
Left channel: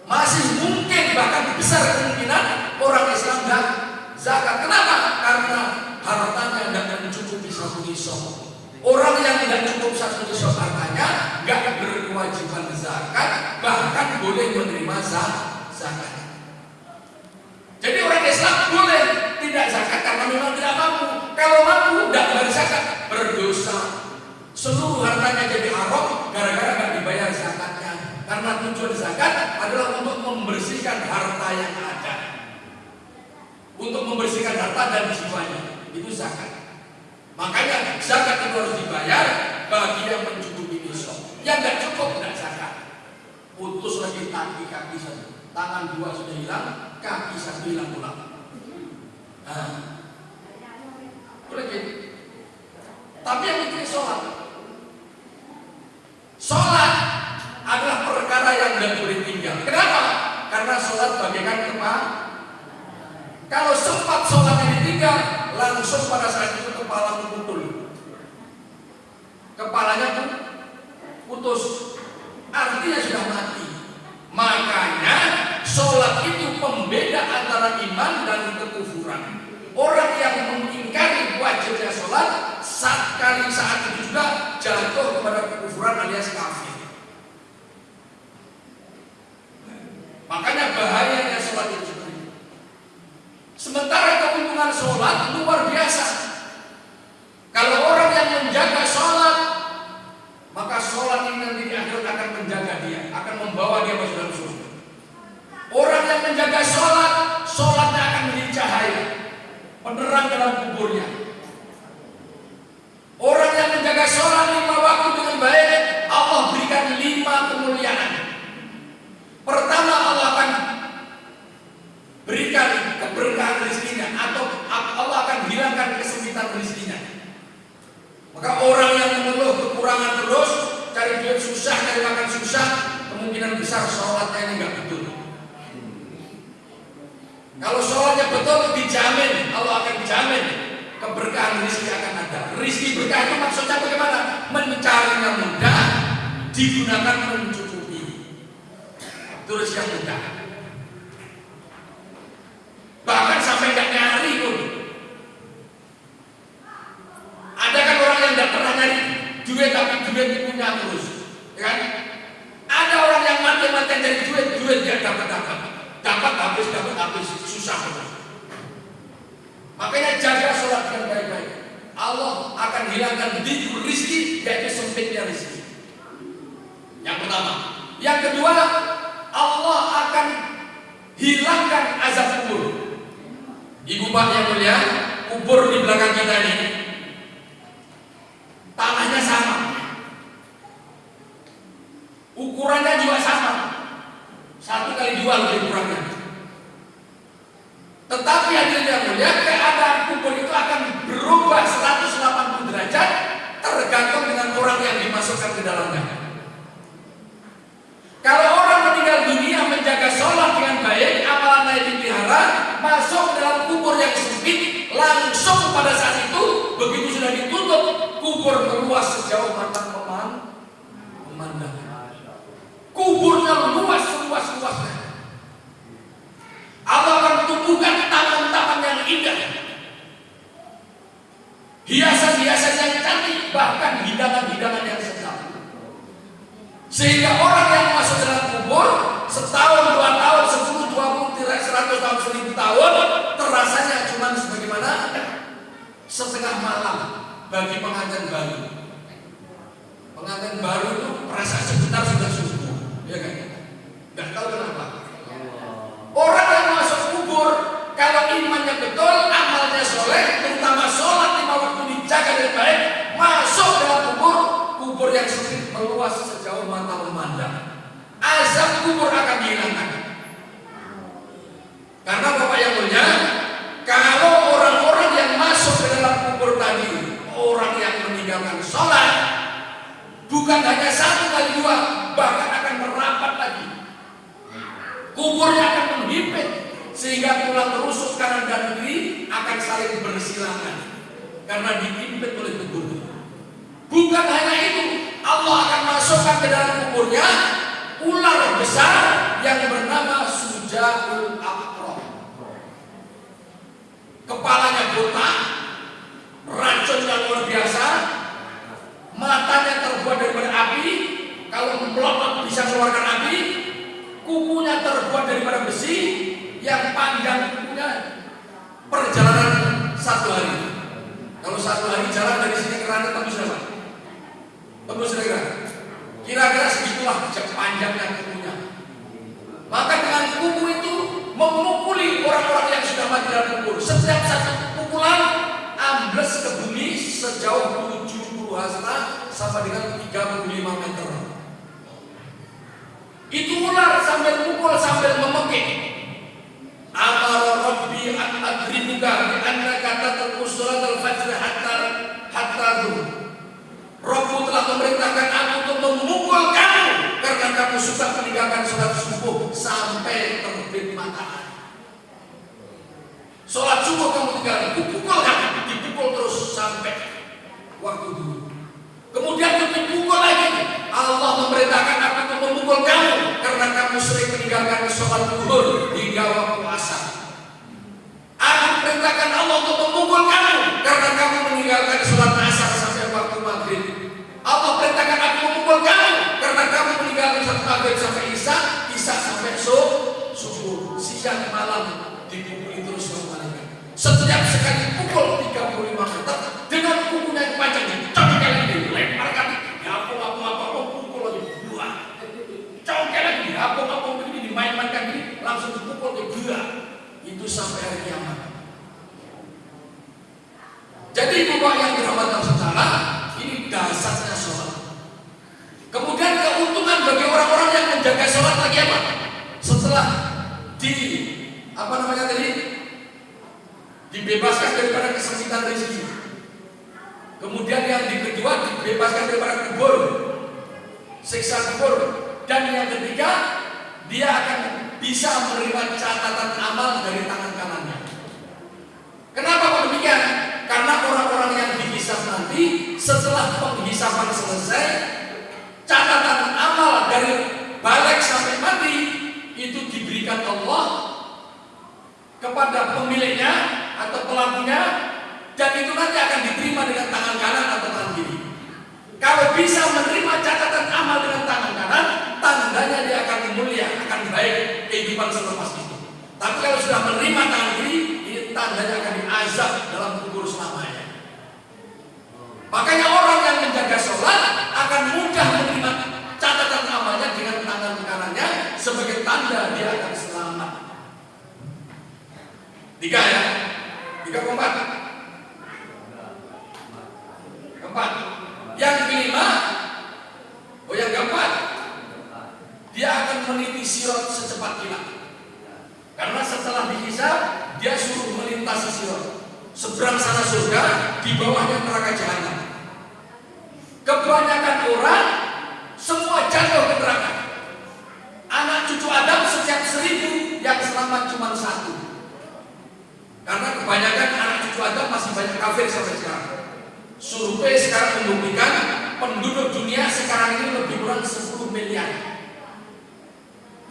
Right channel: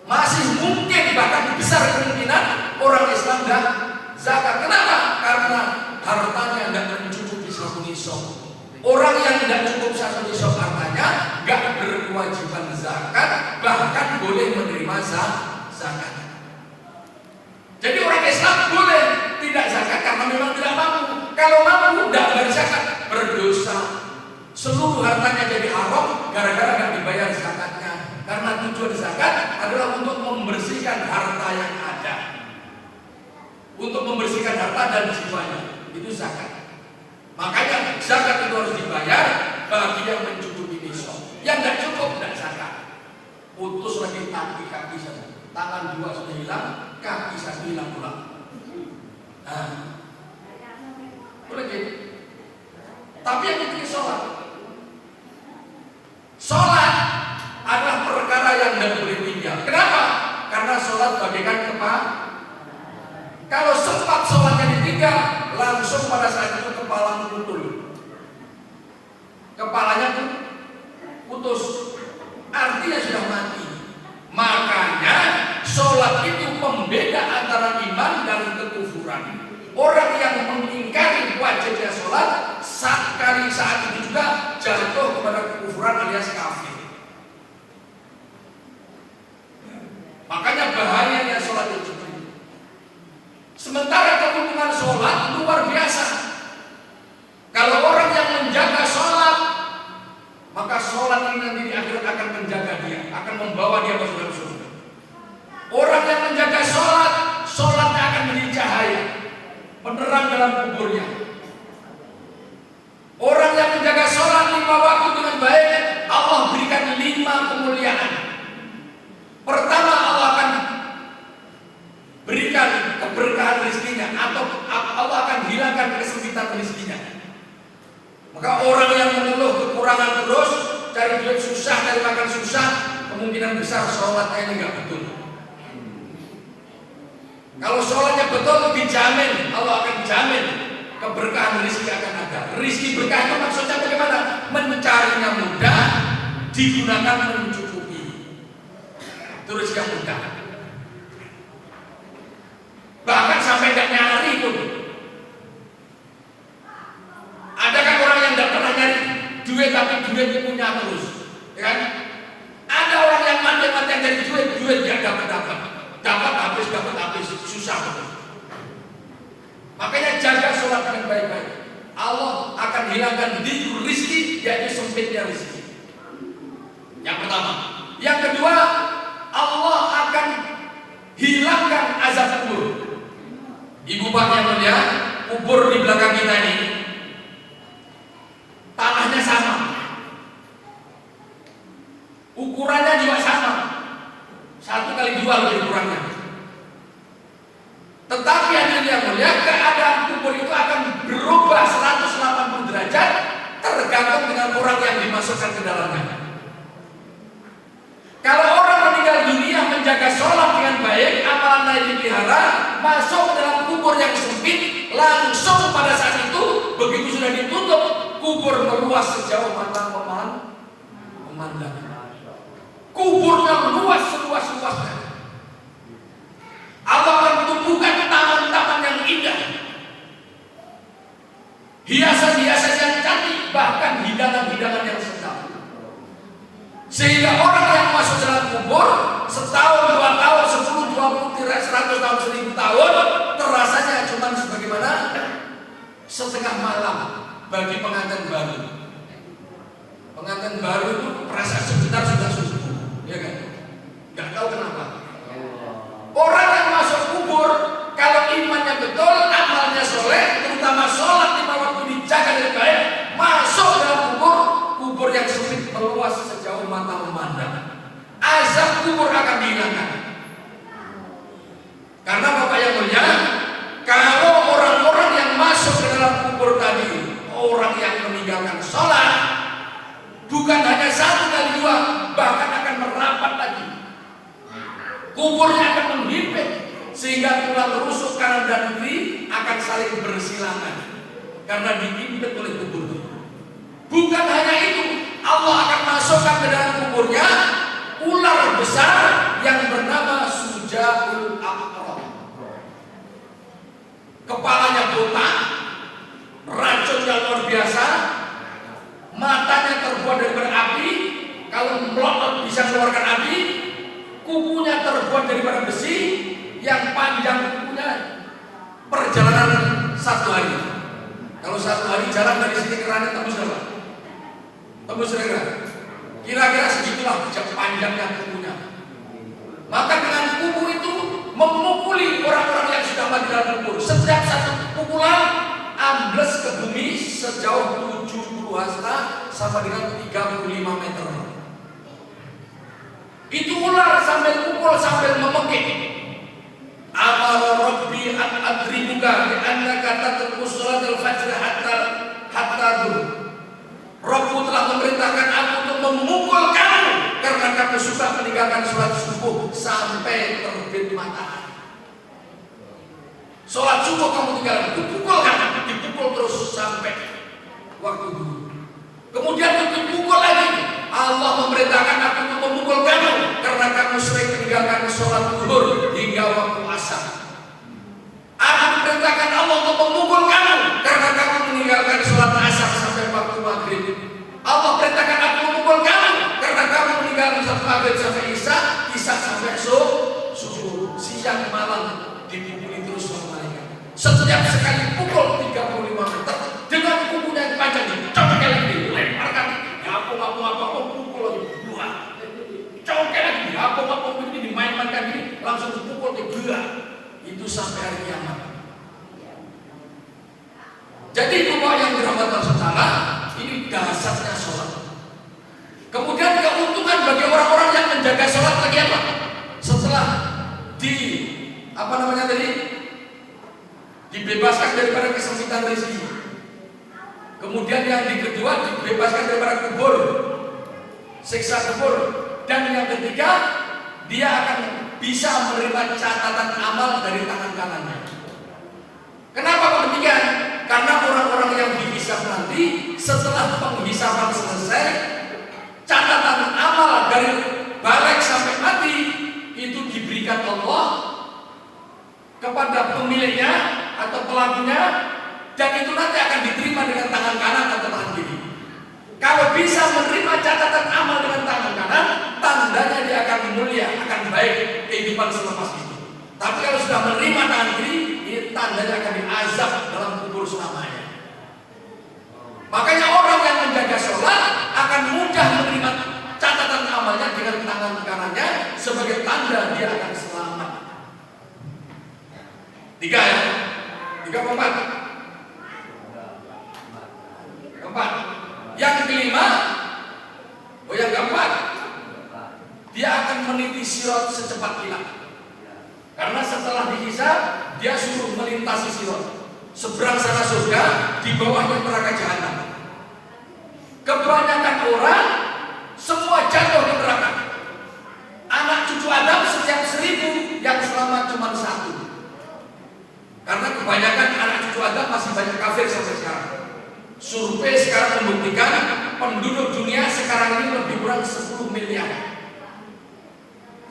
Masih mungkin bahkan besar kemungkinan orang Islam nggak zakat. Kenapa? Karena hartanya nggak mencukupi 1 nisab. Orang yang tidak cukup 1 nisab hartanya nggak berkewajiban zakat, bahkan boleh menerima zakat. Jadi orang Islam boleh tidak zakat karena memang tidak mampu. Kalau mampu tidak bayar zakat, berdosa. Seluruh hartanya jadi haram gara-gara nggak dibayar zakatnya. Karena tujuan zakat adalah untuk membersihkan harta yang ada, untuk membersihkan harta dan jiwanya. itu zakat. Makanya zakat itu harus dibayar bagi yang mencukupi nisab. Yang tidak cukup tidak zakat. Putus lagi kaki saja, tangan dua sudah hilang, kaki satu hilang pula. Boleh gitu. Tapi yang penting sholat. Sholat adalah perkara yang tidak boleh tinggal. Kenapa? Karena sholat bagaikan kepala. Kalau sempat sholatnya ditinggal, langsung pada saat itu kepala putus. Kepalanya pun putus. Artinya sudah mati. Makanya sholat itu pembeda antara iman dan kekufuran. Orang yang mengingkari wajibnya sholat saat itu juga jatuh kepada kekufuran alias kafir. Makanya bahayanya sholat itu seperti itu. Sementara keuntungan sholat luar biasa. Kalau orang yang menjaga sholat, maka sholat ini nanti di akhirat akan menjaga dia, akan membawa dia masuk dalam surga. Orang yang menjaga sholat, sholatnya akan menjadi cahaya, penerang dalam kuburnya. Orang yang menjaga sholat 5 waktu dengan baik, Allah berikan 5 kemuliaan. Pertama, Allah akan berikan keberkahan rezekinya, atau Allah akan hilangkan kesempitan rezekinya. Maka orang yang mengeluh kekurangan terus, cari duit susah, cari makan susah, kemungkinan besar sholatnya ini nggak betul. Kalau sholatnya betul, dijamin, Allah akan jamin keberkahan rezeki akan ada. Rezeki berkah itu maksudnya bagaimana? Mencarinya mudah, digunakan mencukupi. Itu rezeki yang mudah. Bahkan sampai nggak nyari pun. Ada kan orang yang tidak pernah nyari duit tapi duit punya terus, ya kan? Ada orang yang mati-matian dari duit dia dapat habis, susah terus. Makanya jaga sholat dengan baik-baik. Allah akan hilangkan dijur rizki, yaitu sempitnya rizki. Yang pertama. Yang kedua, Allah akan hilangkan azab kubur. Ibu bapak yang mulia, kubur di belakang kita ini tanahnya sama, ukurannya juga sama, 1x2 ukurannya. Tetapi hadirin yang mulia, keadaan kubur itu akan berubah 180 derajat tergantung dengan orang yang dimasukkan ke dalamnya. Kalau orang meninggal dunia menjaga sholat dengan baik, amalannya dipelihara, masuk dalam kubur yang sempit, langsung pada saat itu begitu sudah ditutup, kubur meluas sejauh mata memandang. Kuburnya luas seluas-luasnya. Allah akan tumbuhkan taman-taman yang indah, hiasan-hiasan yang cantik, bahkan hidangan-hidangan yang sedap. Sehingga orang yang masuk dalam kubur setahun, 2 tahun, 10, 20, 100 tahun, 1000 tahun, terasanya cuma sebagaimana setengah malam bagi pengantin baru. Pengantin baru itu perasaan sebentar sudah subuh, ya kan? Gak tahu kenapa. Orang yang masuk kubur, kalau imannya betul, amalnya soleh, terutama sholat 5 waktu dijaga dengan baik, masuk dalam kubur yang sempit meluas sejauh mata memandang. Azab kubur akan dihilangkan. Karena Bapak yang mulia, kalau orang-orang yang masuk ke dalam kubur tadi, orang yang meninggalkan sholat, bukan hanya 1x2, bahkan akan merapat lagi. Kuburnya akan menghimpit sehingga tulang rusuk kanan dan kiri akan saling bersilangan karena dihimpit oleh kubur itu. Bukan hanya itu, Allah akan masukkan ke dalam kuburnya ular besar yang bernama Sujaul Aqrab. Kepalanya botak, racunnya luar biasa, matanya terbuat dari berapi, kalau melotot bisa mengeluarkan api. Kukunya terbuat daripada besi yang panjang kukunya perjalanan 1 hari. Kalau 1 hari jalan dari sini ke sana tembus berapa? Tembus kira-kira segitulah panjangnya kukunya. Maka dengan kuku itu memukuli orang-orang yang sudah mati dalam kubur. Setiap satu pukulan ambles ke bumi sejauh 70 hasta sama dengan 35 meter. Itu ular sambil pukul sambil memekik. Amara Rabbi an adribuka bi annaka tatruku sholatal fajr hatta dhuhr. Rabbu telah memerintahkan aku untuk memukul kamu karena kamu suka meninggalkan sholat subuh sampai terbit matahari. Sholat subuh kamu tinggalkan, dipukul terus sampai waktu dulu. Kemudian dipukul lagi. Allah memerintahkan aku untuk memukul kamu karena kamu sering meninggalkan sholat zuhur hingga waktu asar. Aku perintahkan Allah untuk memukul kamu karena kamu meninggalkan sholat asar sampai waktu maghrib. Allah perintahkan aku memukul kamu karena kamu meninggalkan sholat maghrib sampai isya sampai subuh, siang malam dipukuli terus kembali. Setiap sekali pukul 35 meter dengan pukulnya yang panjang dicongkel lagi, dilemparkan, apa pukul lagi buah, congkel lagi, apa begini dimain-mainkan gini, langsung dipukul ke buah. Itu sampai hari kiamat. Jadi Bapak yang dirahmati Allah Taala, ini dasarnya sholat. Kemudian keuntungan bagi orang-orang yang menjaga sholat lagi apa? Setelah dibebaskan daripada kesempitan rezeki. Kemudian yang kedua dibebaskan daripada kubur, siksa kubur. Dan yang ketiga, dia akan bisa menerima catatan amal dari tangan kanannya. Kenapa demikian? Karena orang-orang yang dihisab nanti setelah penghisaban selesai, catatan amal dari balik sampai mati itu diberikan Allah kepada pemiliknya atau pelakunya, dan itu nanti akan diterima dengan tangan kanan atau tangan kiri. Kalau bisa menerima catatan amal dengan tangan kanan, tandanya dia akan mulia, akan baik kehidupan selepas itu. Tapi kalau sudah menerima tangan kiri, ini tandanya akan diazab dalam kubur selamanya. Makanya orang yang menjaga sholat akan mudah menerima catatan amalnya dengan tangan kanannya sebagai tanda dia akan selamat. 3 ya? 3 keempat. Keempat. Yang kelima, yang keempat, dia akan meniti sirat secepat kilat. Karena setelah dihisab, dia suruh melintasi sirat. Seberang sana surga, di bawahnya neraka jahanam. Kebanyakan orang semua jatuh ke neraka. Anak cucu Adam setiap 1000 yang selamat cuma 1. Karena kebanyakan anak cucu Adam masih banyak kafir sampai sekarang. Survei sekarang membuktikan penduduk dunia sekarang ini lebih kurang 10 miliar.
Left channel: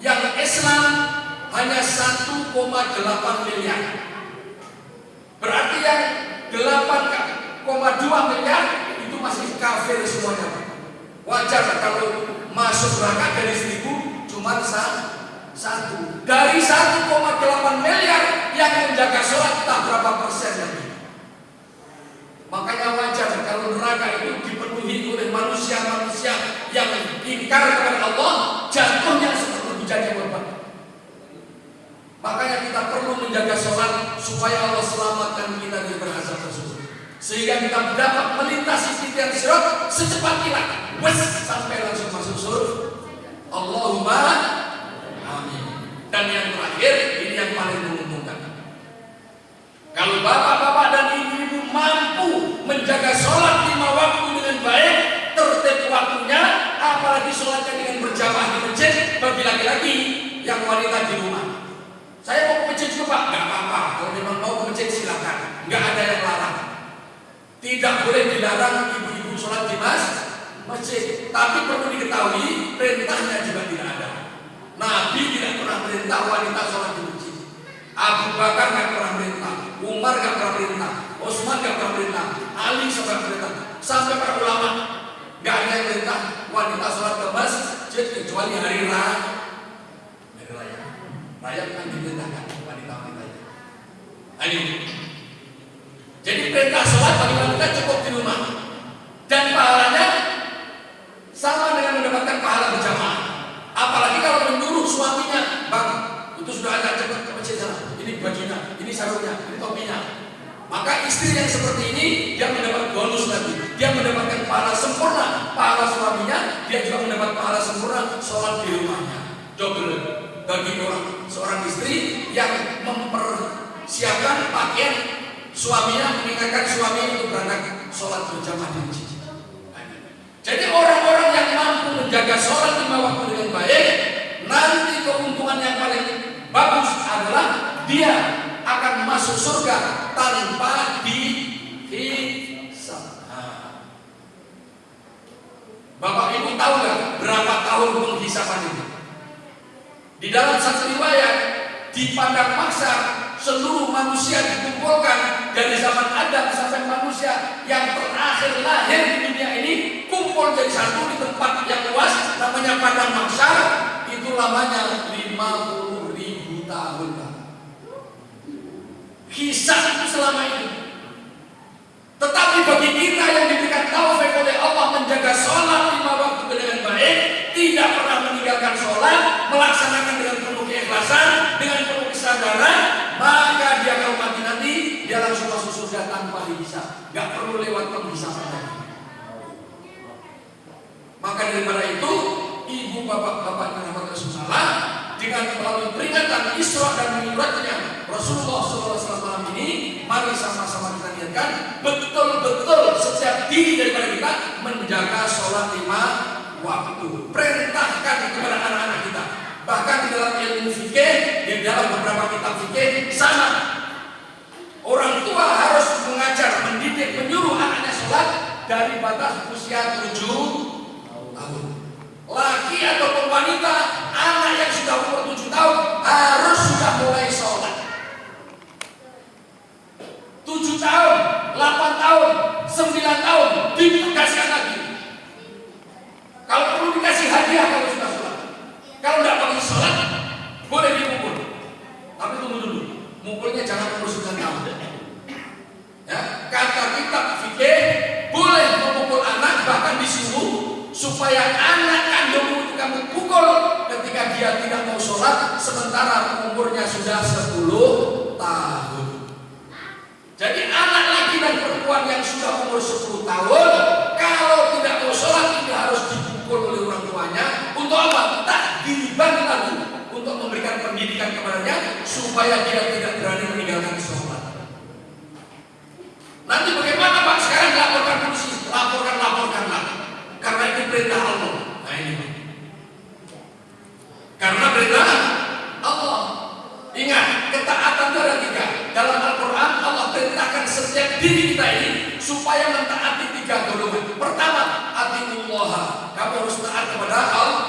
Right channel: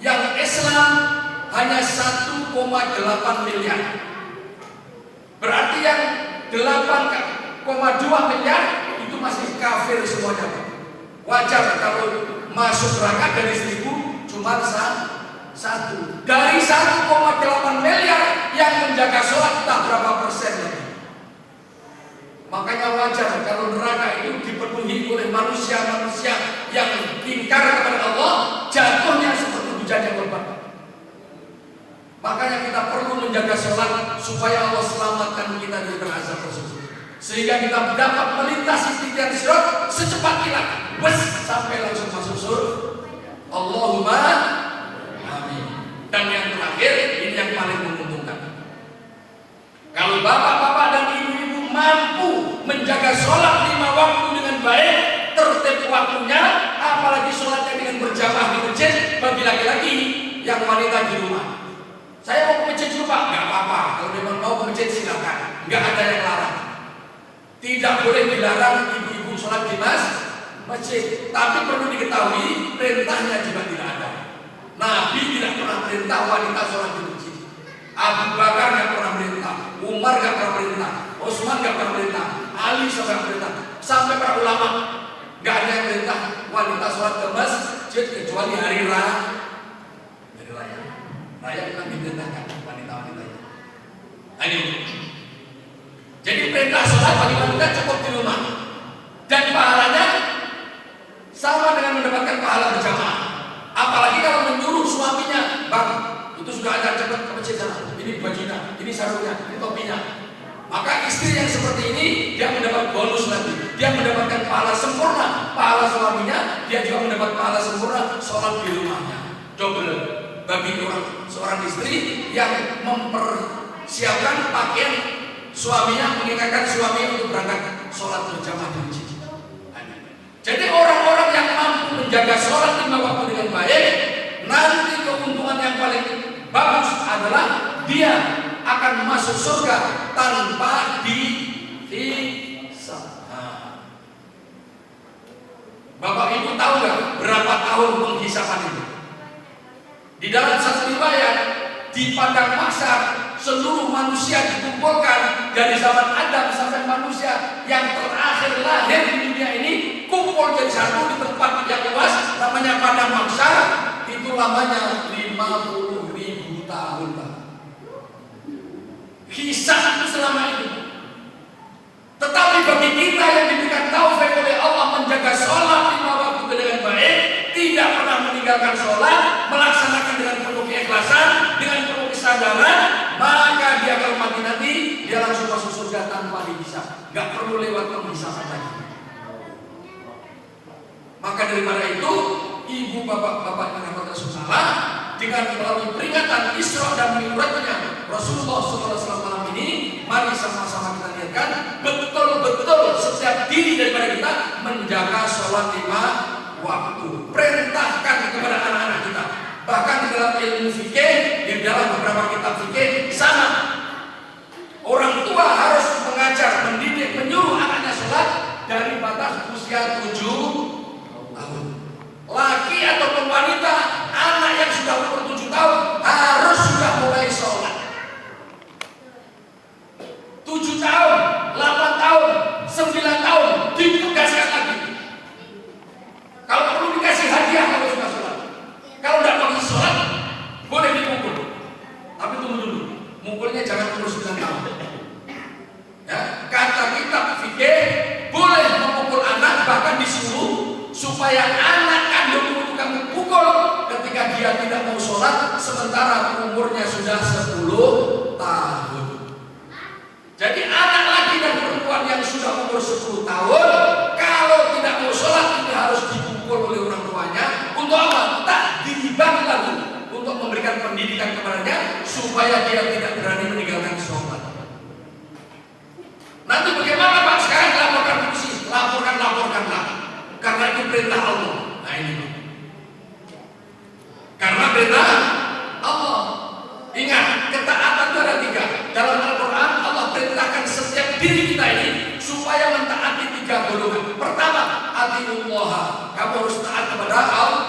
Yang Islam hanya 1,8 miliar. Berarti yang 8,2 miliar itu masih kafir semuanya. Wajar kalau masuk neraka dari 1000 cuma 1. Dari 1,8 miliar yang menjaga sholat tak berapa persen lagi. Makanya wajar kalau neraka itu dipenuhi oleh manusia-manusia yang ingkar kepada Allah, jatuhnya seperti hujan yang lebat. Makanya kita perlu menjaga sholat supaya Allah selamatkan kita dari azab tersebut, sehingga kita dapat melintasi titian sirat secepat kilat, sampai langsung masuk surga. Allahumma amin. Dan yang terakhir, ini yang paling menguntungkan. Kalau bapak-bapak dan ibu-ibu mampu menjaga sholat 5 waktu dengan baik, tertib waktunya, apalagi sholatnya dengan berjamaah di masjid, bagi laki-laki yang wanita di rumah. Saya mau ke masjid juga Pak, nggak apa-apa. Kalau memang mau ke masjid silakan, nggak ada yang larang. Tidak boleh dilarang ibu-ibu sholat di masjid, tapi perlu diketahui perintahnya juga tidak ada. Nabi tidak pernah perintah wanita sholat di masjid. Abu Bakar nggak pernah perintah, Umar nggak pernah perintah, Utsman nggak pernah perintah, Ali nggak perintah, sampai para ulama nggak ada yang perintah wanita sholat ke masjid kecuali hari raya. Raya memang diperintahkan wanita-wanita. Ini. Jadi perintah sholat bagi wanita cukup di rumah, dan pahalanya sama dengan mendapatkan pahala berjamaah. Apalagi kalau menyuruh suaminya, bang, itu sudah ada, cepat ke masjid sana. Ini bajunya, ini sarungnya, ini topinya. Maka istri istri yang seperti ini, dia mendapat bonus lagi. Dia mendapatkan pahala sempurna, pahala suaminya, dia juga mendapat pahala sempurna sholat di rumahnya. Double bagi seorang istri yang mempersiapkan pakaian suaminya, mengingatkan suaminya untuk berangkat sholat berjamaah di masjid. Jadi orang-orang yang mampu menjaga sholat 5 waktu dengan baik, nanti keuntungan yang paling bagus adalah dia akan masuk surga tanpa dihisab. Bapak Ibu tahu nggak berapa tahun penghisapan itu? Di dalam satu riwayat, di padang mahsyar seluruh manusia dikumpulkan dari zaman Adam sampai manusia yang terakhir lahir di dunia ini kumpul jadi satu di tempat yang luas namanya padang mahsyar. Itu lamanya 50.000 tahun. Hisab itu selama itu. Tetapi bagi kita yang diberikan taufik oleh Allah menjaga sholat 5 waktu dengan baik, tidak pernah meninggalkan sholat, melaksanakan dengan penuh keikhlasan, dengan penuh kesadaran, maka dia kalau mati nanti dia langsung masuk surga tanpa dihisab, gak perlu lewat penghisaban lagi. Maka daripada itu, ibu bapak-bapak yang dirahmati Rasulullah, dengan melalui peringatan Isra dan Mi'rajnya Rasulullah SAW malam ini, mari sama-sama kita niatkan betul-betul setiap diri daripada kita menjaga sholat 5 waktu. Perintahkan kepada anak-anak kita. Bahkan di dalam ilmu fikih, di dalam beberapa kitab fikih sama. Orang tua harus mengajar, mendidik, menyuruh anaknya sholat dari batas usia 7 tahun. Laki ataupun wanita, anak yang sudah umur 7 tahun harus sudah mulai sholat. 7 tahun, 8 tahun, 9 tahun ditegaskan lagi. Kalau perlu dikasih hadiah kalau sudah sholat. Kalau tidak pakai sholat, boleh dipukul. Tapi tunggu dulu, mukulnya jangan umur 9 tahun. Ya, kata kitab fikih boleh memukul anak, bahkan disuruh supaya anak kandungmu itu kamu pukul ketika dia tidak mau sholat sementara umurnya sudah 10 tahun. Jadi anak laki dan perempuan yang sudah umur 10 tahun kalau tidak mau sholat itu harus dipukul oleh orang tuanya. Untuk apa? Tak dibagi lagi untuk memberikan pendidikan kepadanya supaya dia tidak berani meninggalkan sholat. Nanti bagaimana Pak? Sekarang laporkan polisi, laporkanlah. Karena itu perintah Allah. Nah ini. Karena perintah Allah. Ingat, ketaatan itu ada 3. Dalam Al-Quran Allah perintahkan setiap diri kita ini supaya mentaati 3 golongan. Pertama, atiullah. Kamu harus taat kepada Allah.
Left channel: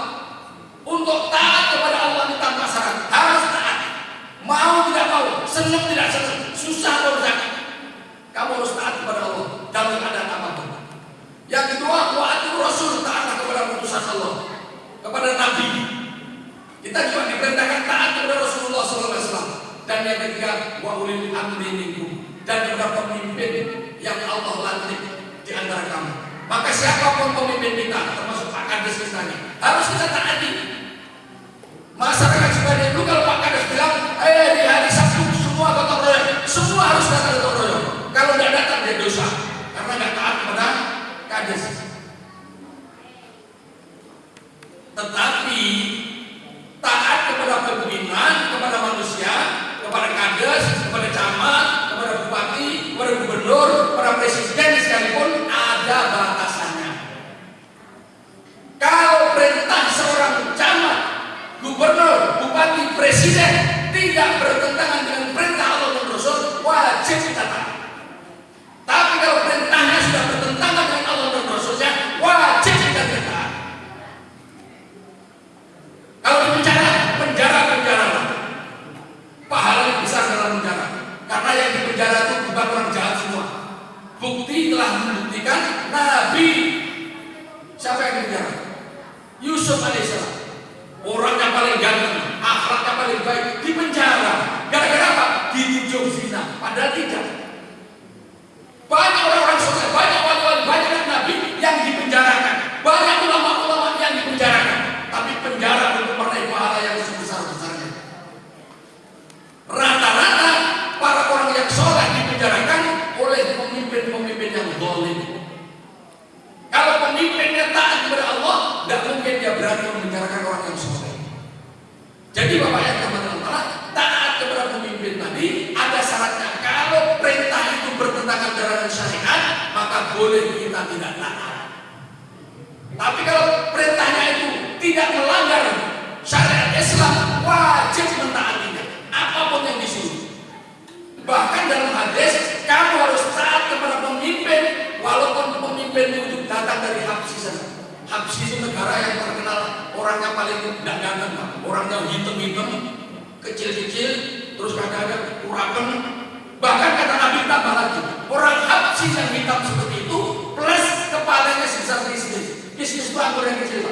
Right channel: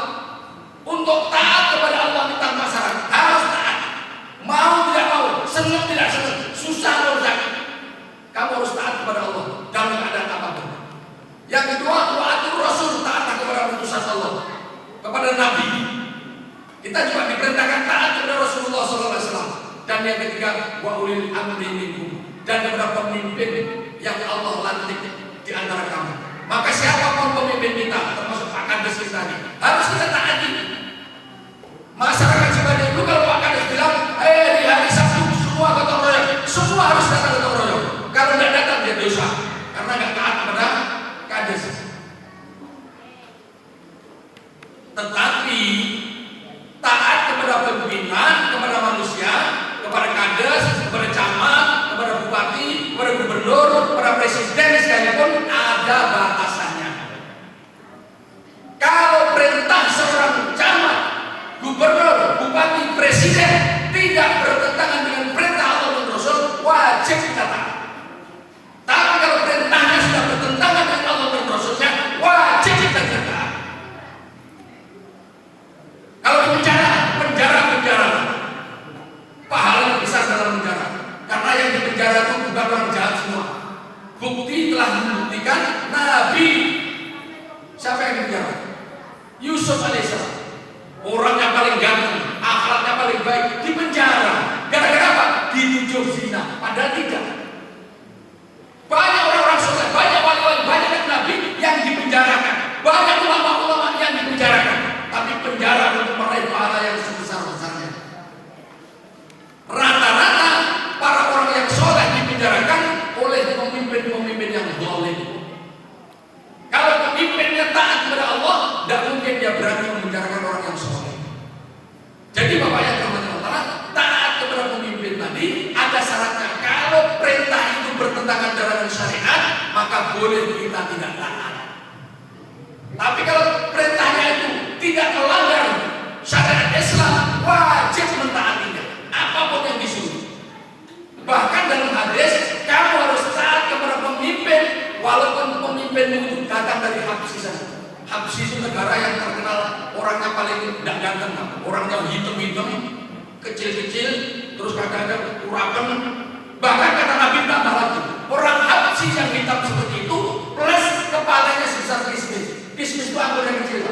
Untuk taat kepada Allah itu tanpa syarat, harus taat. Mau tidak mau, senang tidak senang, susah atau tidak, kamu harus taat kepada Allah dalam keadaan apapun. Yang kedua, wa'atul rasul, taatlah kepada utusan Allah, kepada Nabi. Kita juga diperintahkan taat kepada Rasulullah SAW. Dan yang ketiga, wa ulil amri minkum, dan kepada pemimpin yang Allah lantik di antara kamu. Maka siapapun pemimpin kita, termasuk Pak Kades kita ini, harus kita taati. Masyarakat sebagai itu kalau Pak Kades bilang, di hari Sabtu semua gotong royong, semua harus datang gotong royong. Kalau tidak datang dia dosa, karena nggak taat kepada Kades. Tetapi taat kepada pimpinan, kepada manusia, kepada Kades, kepada camat, kepada bupati, kepada gubernur, kepada presiden sekalipun ada batasannya. Kalau perintah seorang camat, gubernur, bupati, presiden tidak bertentangan dengan perintah Allah dan Rasul, wajib kita taat. Tapi kalau perintahnya sudah bertentangan dengan Allah dan Rasulnya, wajib kita tidak taat. Kalau di penjara, pahala besar dalam penjara. Karena yang di penjara itu bukan orang jahat semua. Bukti telah membuktikan Nabi, siapa yang di penjara? Yusuf alaihissalam. Orangnya paling ganteng, akhlaknya paling baik, di penjara. Gara-gara apa? Dituduh zina. Padahal tidak. Banyak orang-orang soleh, banyak wali-wali, banyak nabi yang dipenjarakan, banyak ulama-ulama yang dipenjarakan. Tapi penjara untuk meraih pahala yang sebesar-besarnya. Rata-rata para orang yang soleh dipenjarakan oleh pemimpin-pemimpin yang zalim. Kalau pemimpinnya taat kepada Allah, tidak mungkin dia berani membicarakan orang yang soleh. Jadi Bapak yang bermanfaat, taat kepada pemimpin tadi ada syaratnya. Kalau perintah itu bertentangan dengan syariat, maka boleh kita tidak taat. Tapi kalau perintahnya itu tidak melanggar syariat Islam, wajib mentaatinya, apapun yang disuruh. Bahkan dalam hadis, kamu harus taat kepada pemimpin walaupun pemimpin itu datang dari Habsyi sana. Habsyi itu negara yang terkenal orangnya paling tidak ganteng, orangnya hitam-hitam, kecil-kecil, terus kadang-kadang urapan. Bahkan kata Nabi tambah lagi, orang Habsyi yang hitam seperti itu plus kepalanya sebesar kismis. Kismis itu anggur yang kecil.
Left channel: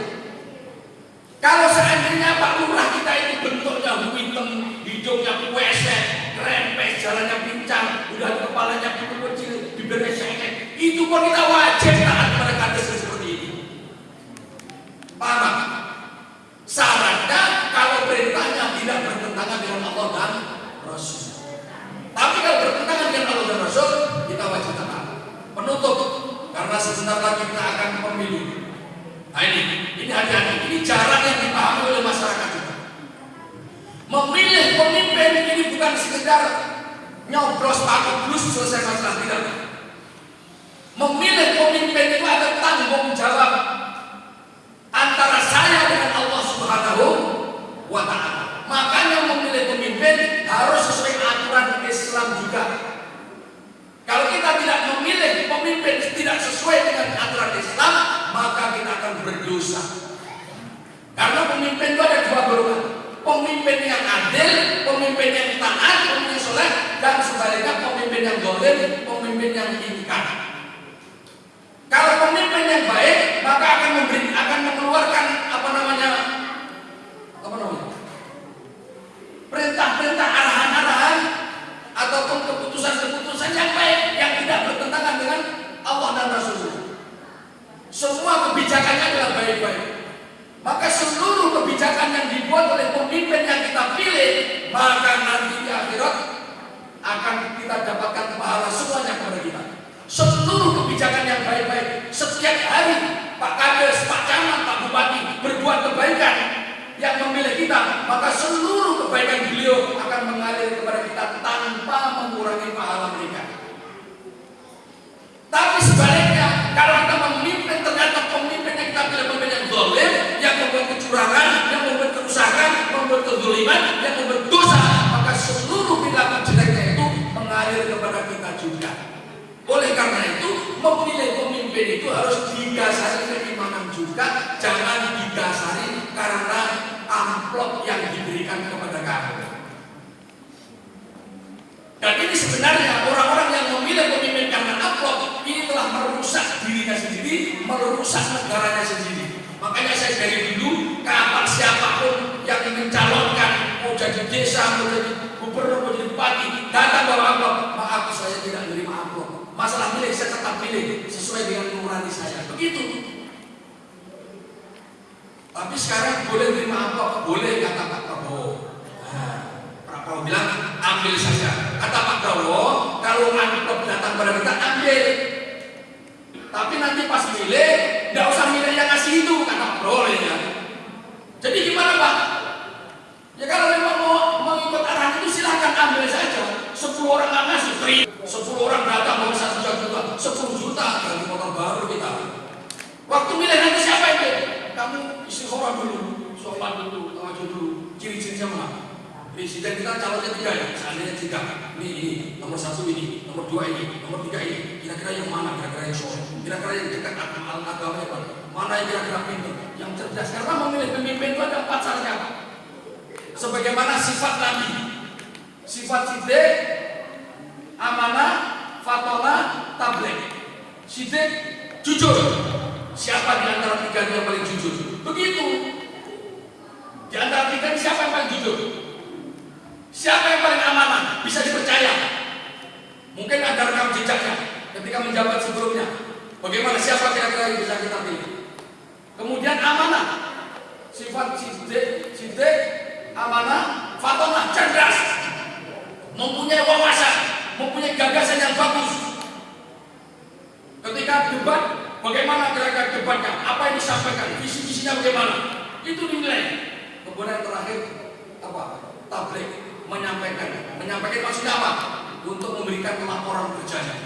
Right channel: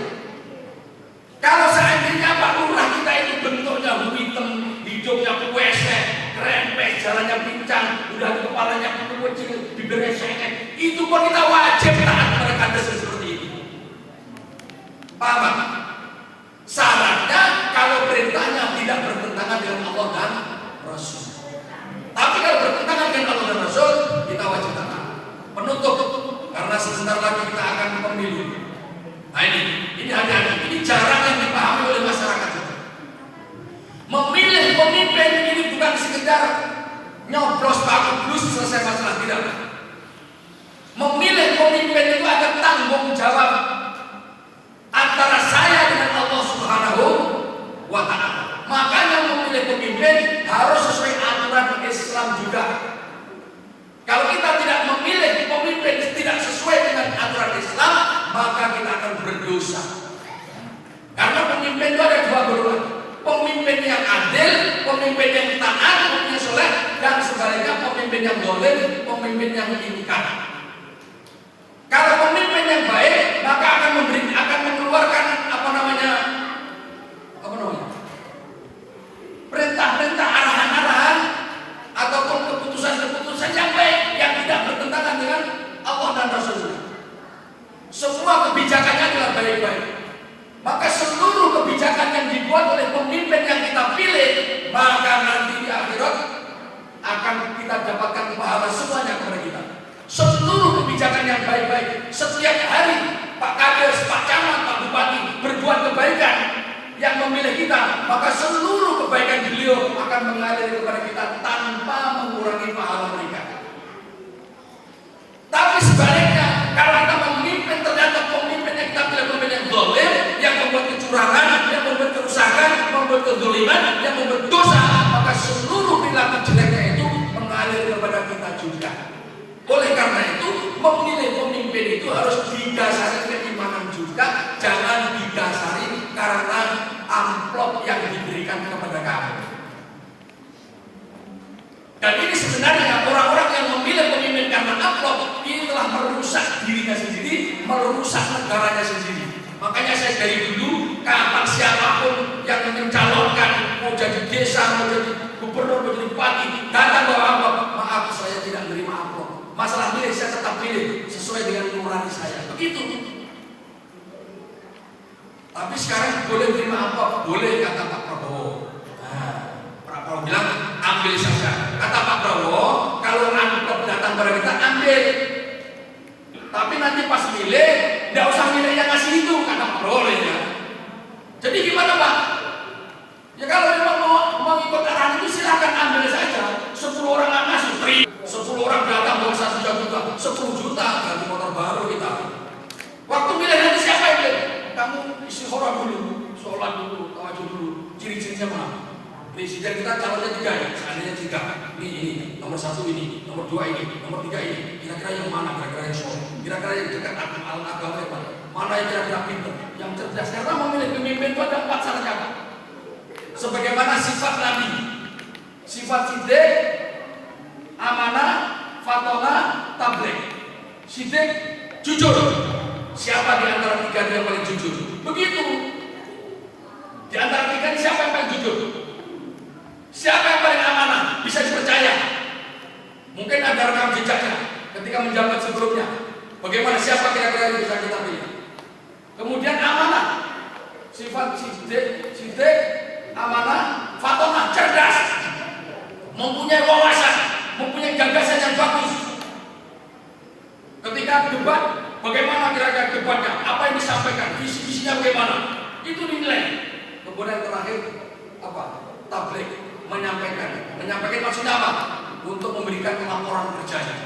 Kalau seandainya Pak Lurah kita itu bentuknya hitam, hidungnya puesek, rempes, jalannya pincang, udah kepalanya kecil, bibirnya sengit, itu pun kita wajib taat pada kades seperti itu. Paham? Syaratnya kalau perintahnya tidak bertentangan dengan Allah dan Rasul. Tapi kalau bertentangan dengan Allah dan Rasul, kita wajib taat. Penutup, karena sebentar lagi kita akan pemilu. Nah ini hati-hati, ini jarang yang dipahami oleh masyarakat kita. Memilih pemimpin ini bukan sekedar nyoblos paku blus selesai masalah, tidak. Memilih pemimpin itu ada tanggung jawab antara saya dengan Allah Subhanahu wa Ta'ala. Makanya memilih pemimpin harus sesuai aturan Islam juga. Kalau kita tidak memilih pemimpin tidak sesuai dengan aturan Islam, maka kita akan berdosa. Karena pemimpin itu ada dua golongan. Pemimpin yang adil, pemimpin yang taat, pemimpin yang soleh, dan sebaliknya pemimpin yang zalim, pemimpin yang ingkar. Kalau pemimpin yang baik, maka akan mengeluarkan perintah-perintah, arahan-arahan ataupun keputusan-keputusan yang baik yang tidak bertentangan dengan Allah dan Rasulullah. Semua kebijakannya adalah baik-baik. Maka seluruh kebijakan yang dibuat oleh pemimpin yang kita pilih, maka nanti di akhirat akan kita dapatkan pahala semuanya kepada kita. Seluruh kebijakan yang baik-baik, setiap hari Pak Kades, Pak Camat, Pak Bupati berbuat kebaikan yang memilih kita, maka seluruh kebaikan beliau akan mengalir kepada kita tanpa mengurangi pahala mereka. Tapi sebaliknya, kalau kita memimpin ternyata pemimpin yang kita pilih pemimpin yang zalim, yang membuat kecurangan, yang membuat kerusakan, membuat kezaliman, yang membuat dosa, maka seluruh perilaku jeleknya itu mengalir kepada kita juga. Oleh karena itu, memilih pemimpin itu harus didasari keimanan juga, jangan didasari karena amplop yang diberikan kepada kami. Dan ini sebenarnya orang-orang yang memilih pemimpin karena amplop ini telah merusak dirinya sendiri, merusak negaranya sendiri. Makanya saya dari dulu, kapan siapapun yang mencalonkan mau jadi desa, mau jadi gubernur, mau jadi bupati, datang bawa amplop, maaf saya tidak menerima amplop. Masalah milih saya tetap pilih sesuai dengan nurani saya. Begitu. Tapi sekarang boleh menerima amplop, boleh kata Pak Prabowo. Nah, Pak Prabowo bilang ambil saja. Kata Pak Prabowo, kalau amplop datang pada kita ambil. Tapi nanti pas milih, tidak usah milih yang ngasih itu, kata Pak Prabowo ya. Jadi gimana Pak? Ya kalau memang mau ikut arahan itu silahkan ambil saja. 10 orang nggak ngasih, 10 orang datang bawa 1 juta, 10 juta ganti motor baru kita. Waktu milih nanti siapa yang pilih? Kamu istikharah dulu, sholat dulu, tawajud dulu. Ciri-cirinya mana? Presiden kita calonnya 3 ya, seandainya 3. Ini nomor 1 ini, nomor 2 ini, nomor 3 ini. Kira-kira yang mana? Kira-kira yang soleh, kira-kira yang dekat agama yang mana yang kira-kira pintar, yang cerdas. Karena memilih pemimpin itu ada 4 syaratnya. Sebagaimana sifat Nabi, sifat sidik, amanah, fatonah, tabligh. Sidik, jujur. Siapa di antara 3 yang paling jujur? Begitu. Di antara 3 ini siapa yang paling jujur? Siapa yang paling amanah? Bisa dipercaya. Mungkin ada rekam jejaknya ketika menjabat sebelumnya. Bagaimana, siapa kira-kira yang bisa kita pilih? Kemudian amanah, sifat sidik, amanah, fatonah, cerdas, mempunyai wawasan, mempunyai gagasan yang bagus. kira-kira debat, bagaimana kira-kira debatnya, apa yang disampaikan, visi-visinya bagaimana, itu dinilai. Kemudian terakhir apa? Tabligh, menyampaikan maksudnya apa? Untuk memberikan laporan kerjanya.